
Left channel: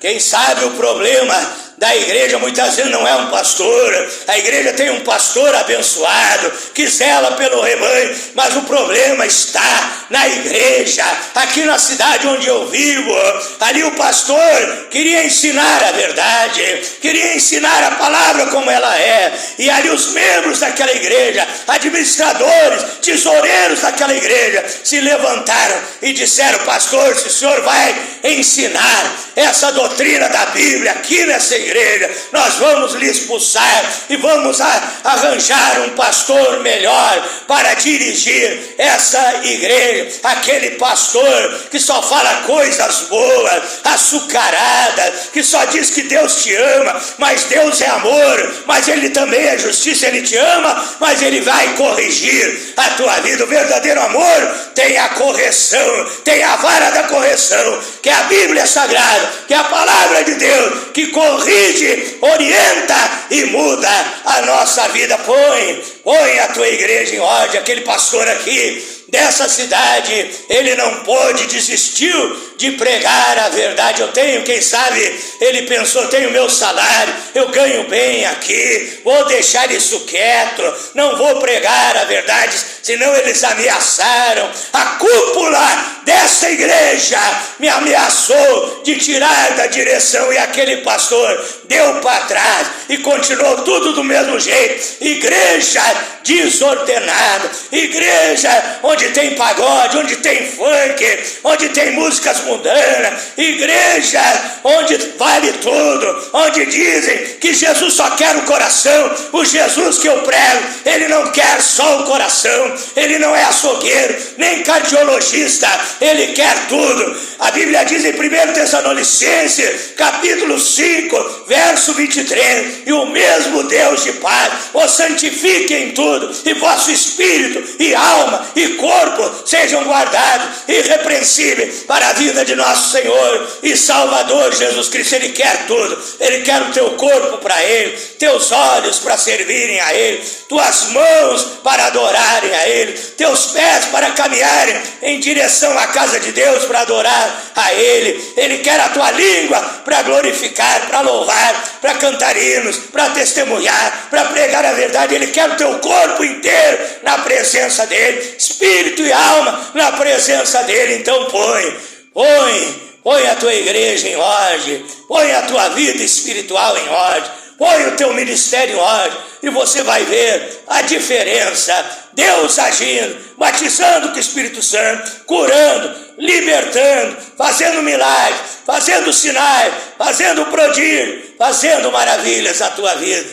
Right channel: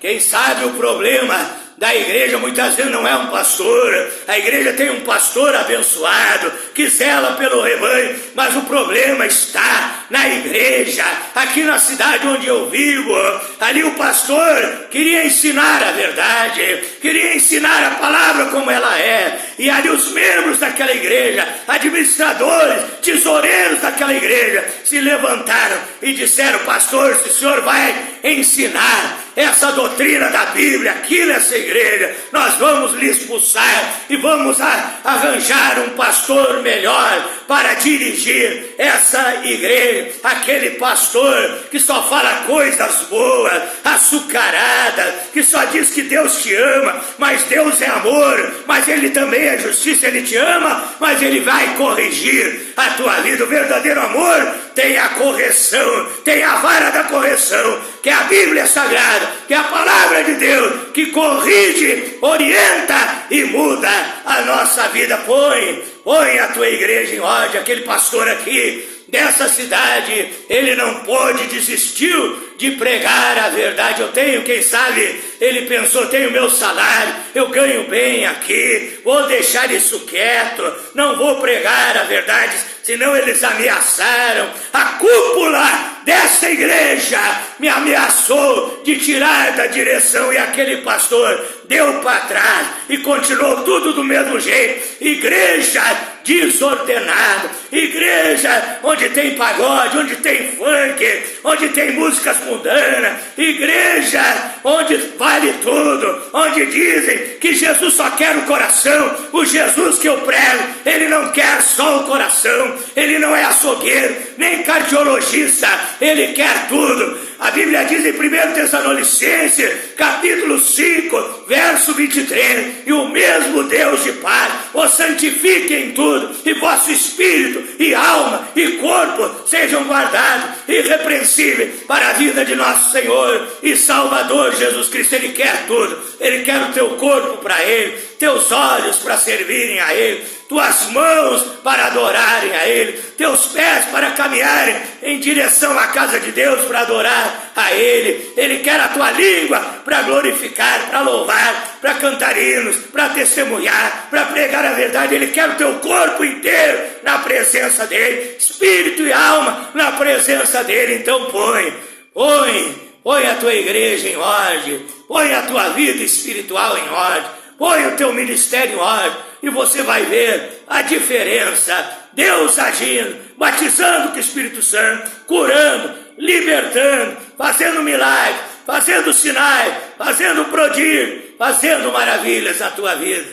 Quem sabe o problema da igreja muitas vezes não é um pastor. A igreja tem um pastor abençoado que zela pelo rebanho, mas o problema está na igreja. Aqui na cidade onde eu vivo, ali o pastor queria ensinar a verdade, queria ensinar a palavra como ela é, e ali os membros daquela igreja, administradores, tesoureiros daquela igreja, se levantaram e disseram: pastor, se o senhor vai ensinar essa doutrina da Bíblia aqui nessa igreja, nós vamos lhe expulsar e vamos arranjar um pastor melhor para dirigir essa igreja. Aquele pastor que só fala coisas boas, açucaradas, que só diz que Deus te ama, mas Deus é amor, mas Ele também é justiça, Ele te ama, mas Ele vai corrigir a tua vida. O verdadeiro amor tem a correção, tem a vara da correção, que é a Bíblia Sagrada, que é a palavra de Deus, que corrige, orienta e muda a nossa vida. Põe a tua igreja em ordem. Aquele pastor aqui dessa cidade, ele não pôde, desistiu de pregar a verdade. Eu tenho, quem sabe, ele pensou: tenho meu salário, eu ganho bem aqui, vou deixar isso quieto, não vou pregar a verdade, senão eles ameaçaram. A cúpula dessa igreja me ameaçou de tirar da direção, e aquele pastor deu para trás e continuou tudo do mesmo jeito. Igreja desordenada, igreja onde tem pagode, onde tem funk, onde tem músicas mundanas, igreja onde vale tudo, onde dizem que Jesus só quer o coração. O Jesus que eu prego, ele não quer só o coração, ele não é açougueiro, nem cardiologista, ele quer tudo. A Bíblia diz em 1 Tessalonicenses, capítulo 5, verso 23, e o mesmo Deus de paz os santifique em tudo, e vosso espírito e alma e corpo sejam guardados irrepreensíveis para a vida de nosso Senhor e Salvador Jesus Cristo. Ele quer tudo, ele quer o teu corpo para ele, teus olhos para servirem a ele, tuas mãos para adorarem a ele, teus pés para caminharem em direção à casa de Deus para adorar a ele. Ele quer a tua língua para glorificar, para louvar, para cantar hinos, para testemunhar, para pregar a verdade. Ele quer o teu corpo inteiro na presença dele, espírito e alma na presença dele. Então põe a tua igreja em ordem, põe a tua vida espiritual em ordem, põe o teu ministério em ordem, e você vai ver a diferença. Deus agindo, batizando com o Espírito Santo, curando, libertando, fazendo milagres, fazendo sinais, fazendo prodígio, fazendo maravilhas na tua vida.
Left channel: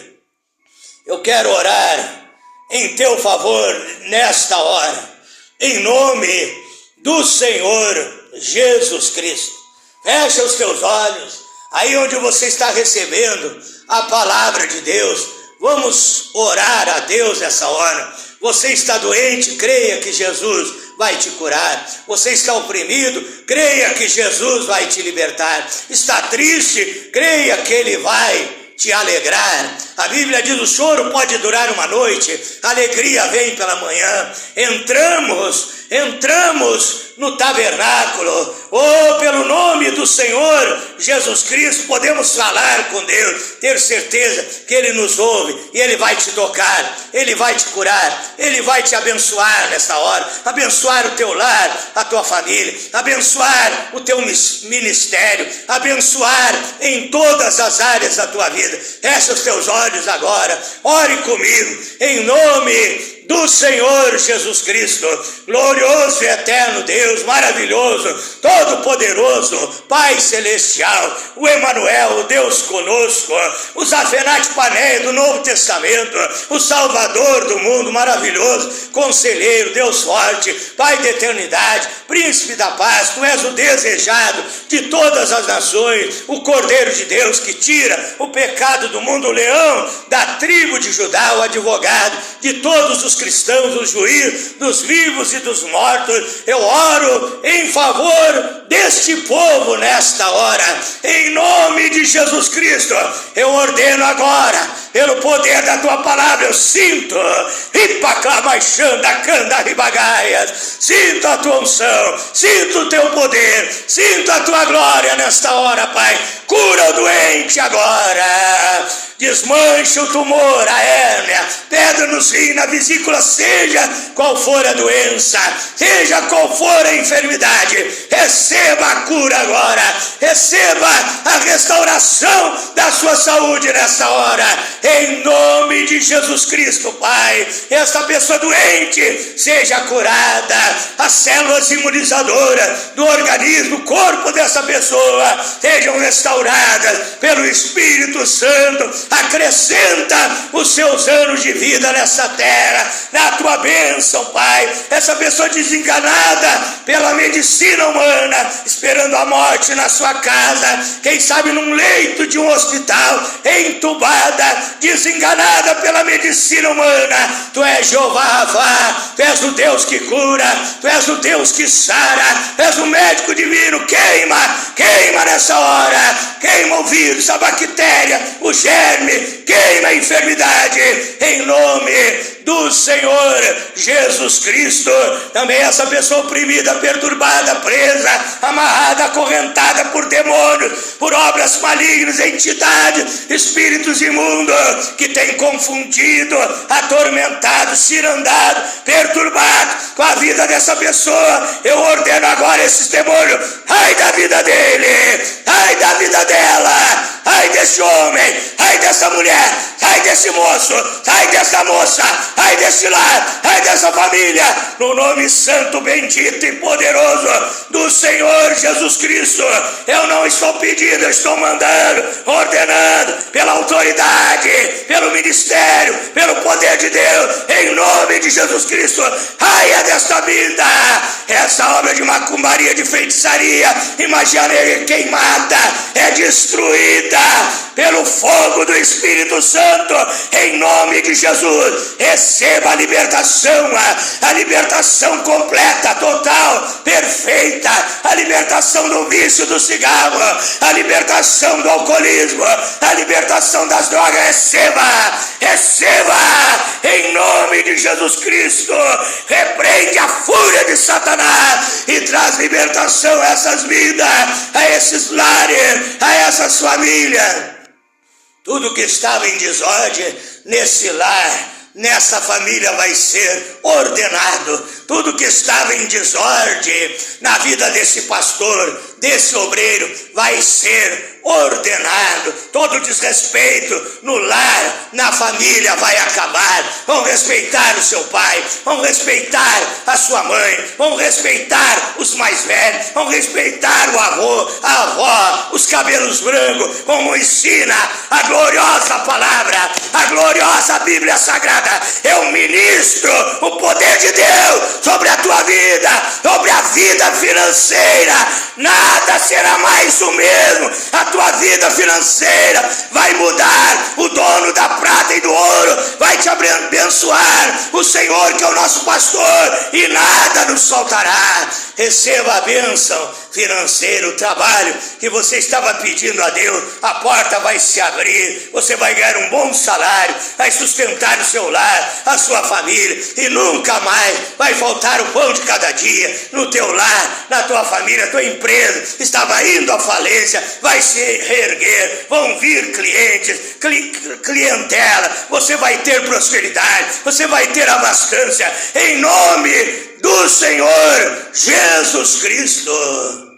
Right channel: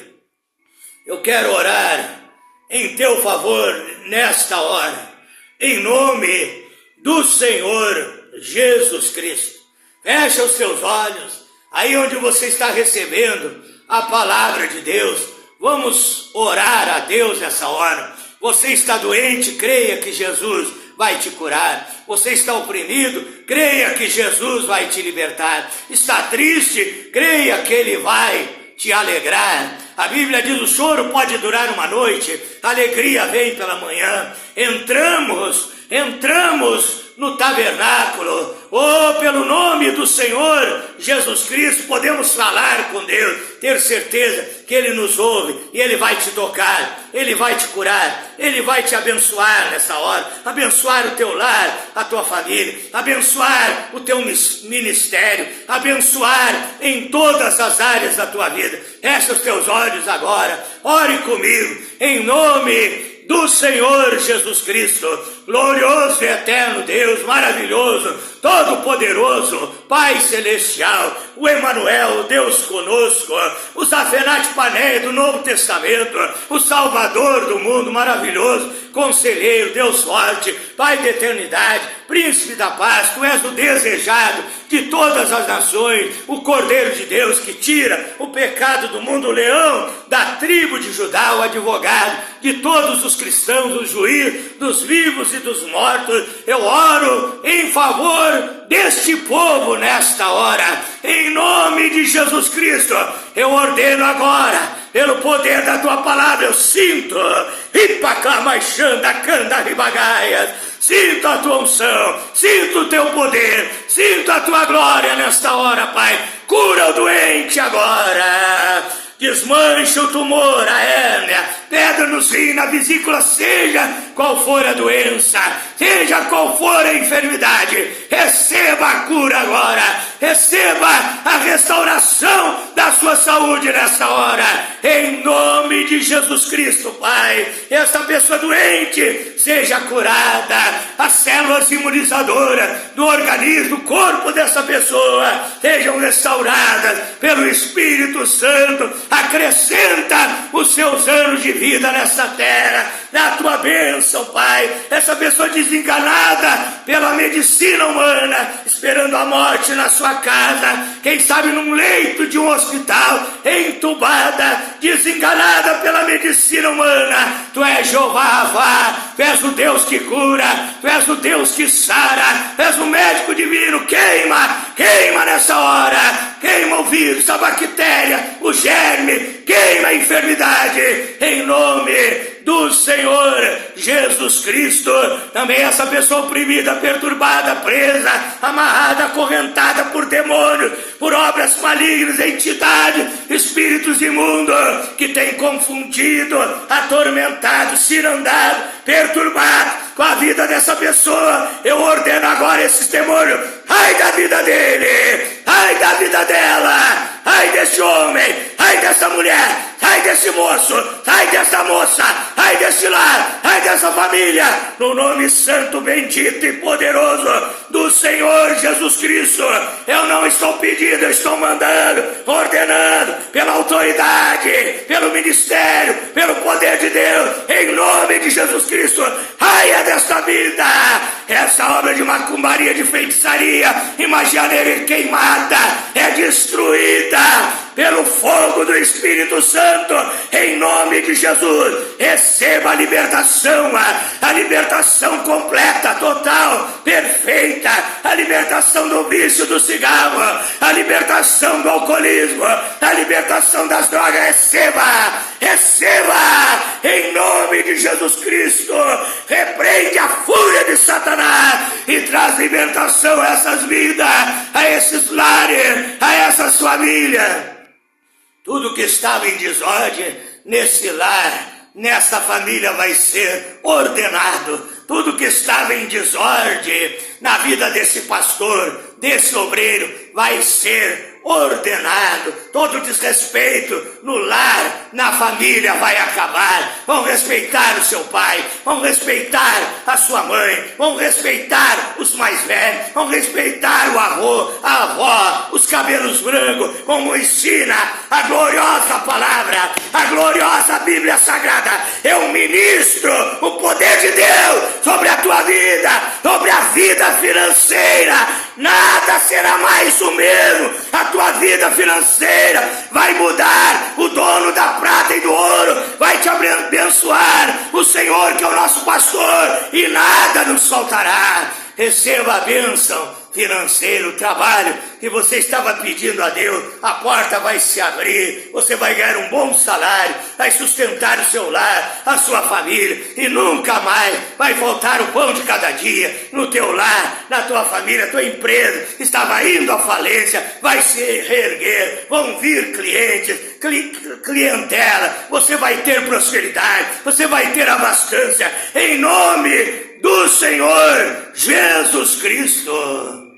Eu quero orar em teu favor nesta hora, em nome do Senhor Jesus Cristo. Fecha os teus olhos, aí onde você está recebendo a palavra de Deus. Vamos orar a Deus nessa hora. Você está doente, creia que Jesus vai te curar. Você está oprimido, creia que Jesus vai te libertar. Está triste, creia que Ele vai te alegrar. A Bíblia diz: o choro pode durar uma noite, a alegria vem pela manhã. Entramos no tabernáculo, pelo nome do Senhor Jesus Cristo, podemos falar com Deus, ter certeza que Ele nos ouve, e Ele vai te tocar, Ele vai te curar, Ele vai te abençoar nesta hora, abençoar o teu lar, a tua família, abençoar o teu ministério, abençoar em todas as áreas da tua vida. Fecha os teus olhos agora, ore comigo, em nome do Senhor Jesus Cristo. Glorioso e eterno Deus, maravilhoso, todo-poderoso, Pai celestial, o Emanuel, o Deus conosco, o Zafenate Paneia do Novo Testamento, o Salvador do mundo, maravilhoso, Conselheiro, Deus forte, Pai da eternidade, Príncipe da paz. Tu és o desejado de todas as nações, o Cordeiro de Deus que tira o pecado do mundo, o Leão da tribo de Judá, o advogado de todos os os cristãos, o juiz dos vivos e dos mortos. Eu oro em favor deste povo nesta hora, em nome de Jesus Cristo. Eu ordeno agora, pelo poder da tua palavra, eu sinto, sinto a tua unção, sinto o teu poder, sinto a tua glória nesta hora, Pai. Cura o doente agora, desmancha o tumor, a hérnia, pedra no rim, na vesícula, seja qual for a doença, seja qual for a enfermidade, receba a cura agora, receba a restauração da sua saúde nessa hora, em nome de Jesus Cristo, Pai. Esta pessoa doente seja curada, as células imunizadoras do organismo, do corpo dessa pessoa sejam restauradas pelo Espírito Santo. Acrescenta os seus anos de vida nessa terra, na tua bênção, Pai. Essa pessoa desenganada pela medicina humana, esperando a morte na sua casa, quem sabe num leito de um hospital, entubada, desenganada pela medicina humana. Tu és Jeová Ravá, tu és o Deus que cura, tu és o Deus que sara, tu és o médico divino. Queima nessa hora, queima o vírus, a bactéria, o germe, queima a enfermidade, em nome do Senhor Jesus Cristo. Também essa pessoa oprimida, perturbada, presa, amarrada, acorrentada por demônios, por obras malignas, entidades, espíritos imundos que tem confundido, atormentado, cirandado, perturbado com a vida dessa pessoa. Eu ordeno agora esses demônios, ai da vida dele, ai da vida dela, ai desse homem, ai dessa mulher, ai desse moço, ai dessa moça, ai desse lar, ai dessa família, no nome santo, bendito e poderoso do Senhor Jesus Cristo. Eu não estou pedindo, eu estou mandando, ordenando, pela autoridade, pelo ministério, pelo poder de Deus, em nome de Jesus Cristo. Raia desta vida, essa obra de macumbaria, de feitiçaria e magia negra queimada, é destruída pelo fogo do Espírito Santo, em nome de Jesus. Receba a libertação completa, total, perfeita, a libertação do vício do cigarro, a libertação do alcoolismo, a libertação das drogas. Receba, em nome de Jesus Cristo. Repreende a fúria de Satanás e traz libertação a essas vidas, a esses lares, a essas famílias. Tudo que estava em desordem nesse lar, nessa família, vai ser ordenado. Tudo que estava em desordem na vida desse pastor, desse obreiro, vai ser ordenado. Todo desrespeito no lar, na família, vai acabar. Vão respeitar o seu pai, vão respeitar a sua mãe, vão respeitar os mais velhos, vão respeitar o avô, a avó, os cabelos brancos, como ensina a gloriosa palavra, a gloriosa Bíblia Sagrada. Eu ministro o poder de Deus sobre a tua vida, sobre a vida financeira. Nada será mais o mesmo. A tua vida financeira vai mudar. O dono da prata e do ouro vai te abençoar. O Senhor, que é o nosso pastor, e nada nos faltará. Receba a bênção financeira, o trabalho que você estava pedindo a Deus. A porta vai se abrir, você vai ganhar um bom salário, vai sustentar o seu lar, a sua família, e nunca mais vai faltar o pão de cada dia no teu lar, na tua família. A tua empresa estava indo à falência, vai se reerguer, vão vir clientes, clientela, você vai ter prosperidade, você vai ter abastança, em nome do Senhor Jesus Cristo.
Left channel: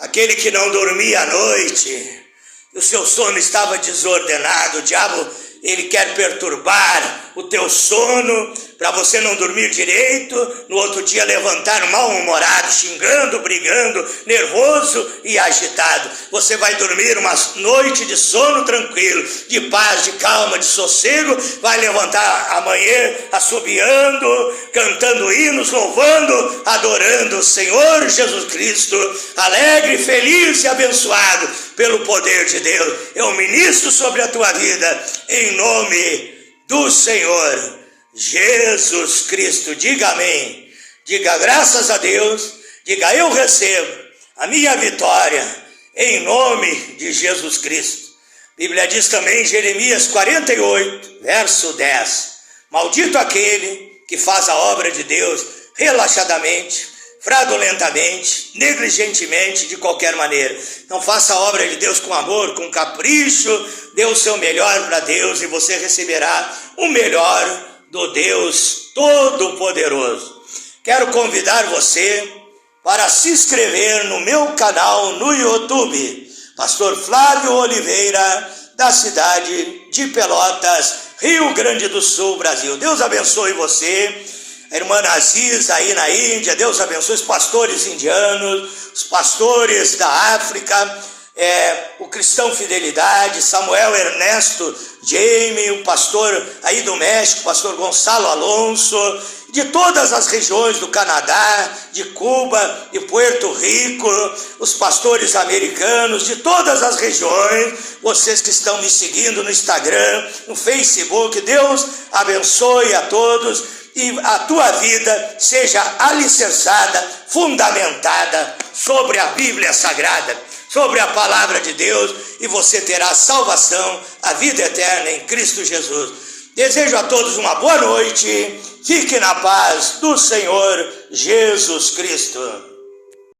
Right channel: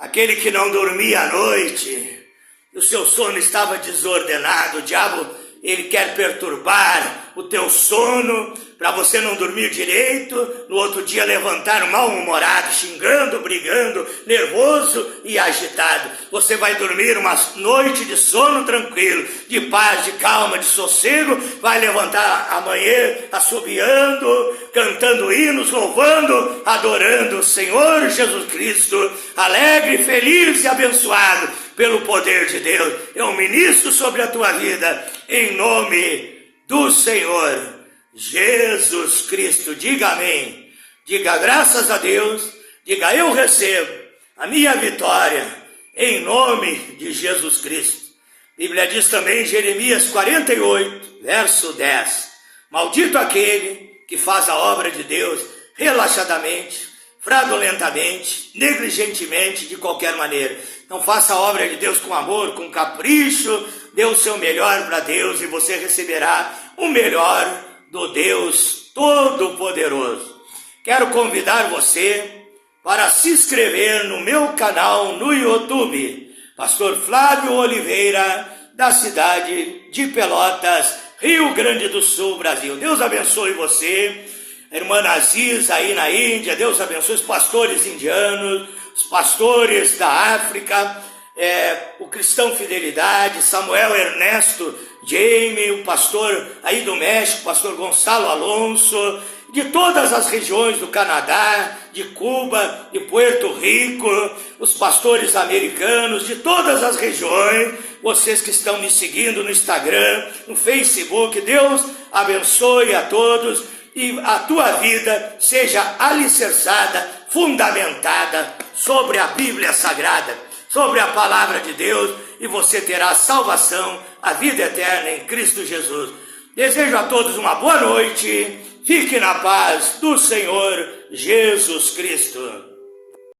Aquele que não dormia à noite, o seu sono estava desordenado, o diabo, ele quer perturbar o teu sono, para você não dormir direito, no outro dia levantar mal-humorado, xingando, brigando, nervoso e agitado. Você vai dormir uma noite de sono tranquilo, de paz, de calma, de sossego, vai levantar amanhã assobiando, cantando hinos, louvando, adorando o Senhor Jesus Cristo, alegre, feliz e abençoado pelo poder de Deus. Eu ministro sobre a tua vida, em nome do Senhor Jesus Cristo. Diga amém. Diga graças a Deus. Diga eu recebo a minha vitória em nome de Jesus Cristo. A Bíblia diz também em Jeremias 48, verso 10. Maldito aquele que faz a obra de Deus relaxadamente, fraudulentamente, negligentemente, de qualquer maneira. Não faça a obra de Deus com amor, com capricho. Dê o seu melhor para Deus e você receberá o melhor do Deus Todo-Poderoso. Quero convidar você para se inscrever no meu canal no YouTube, Pastor Flávio Oliveira, da cidade de Pelotas, Rio Grande do Sul, Brasil. Deus abençoe você, a irmã Aziz aí na Índia. Deus abençoe os pastores indianos, os pastores da África, o Cristão Fidelidade, Samuel Ernesto Jaime, o pastor aí do México, pastor Gonçalo Alonso, de todas as regiões do Canadá, de Cuba, de Puerto Rico, os pastores americanos, de todas as regiões, vocês que estão me seguindo no Instagram, no Facebook. Deus abençoe a todos e a tua vida seja alicerçada, fundamentada sobre a Bíblia Sagrada, sobre a palavra de Deus, e você terá salvação, a vida eterna em Cristo Jesus. Desejo a todos uma boa noite, fique na paz do Senhor Jesus Cristo.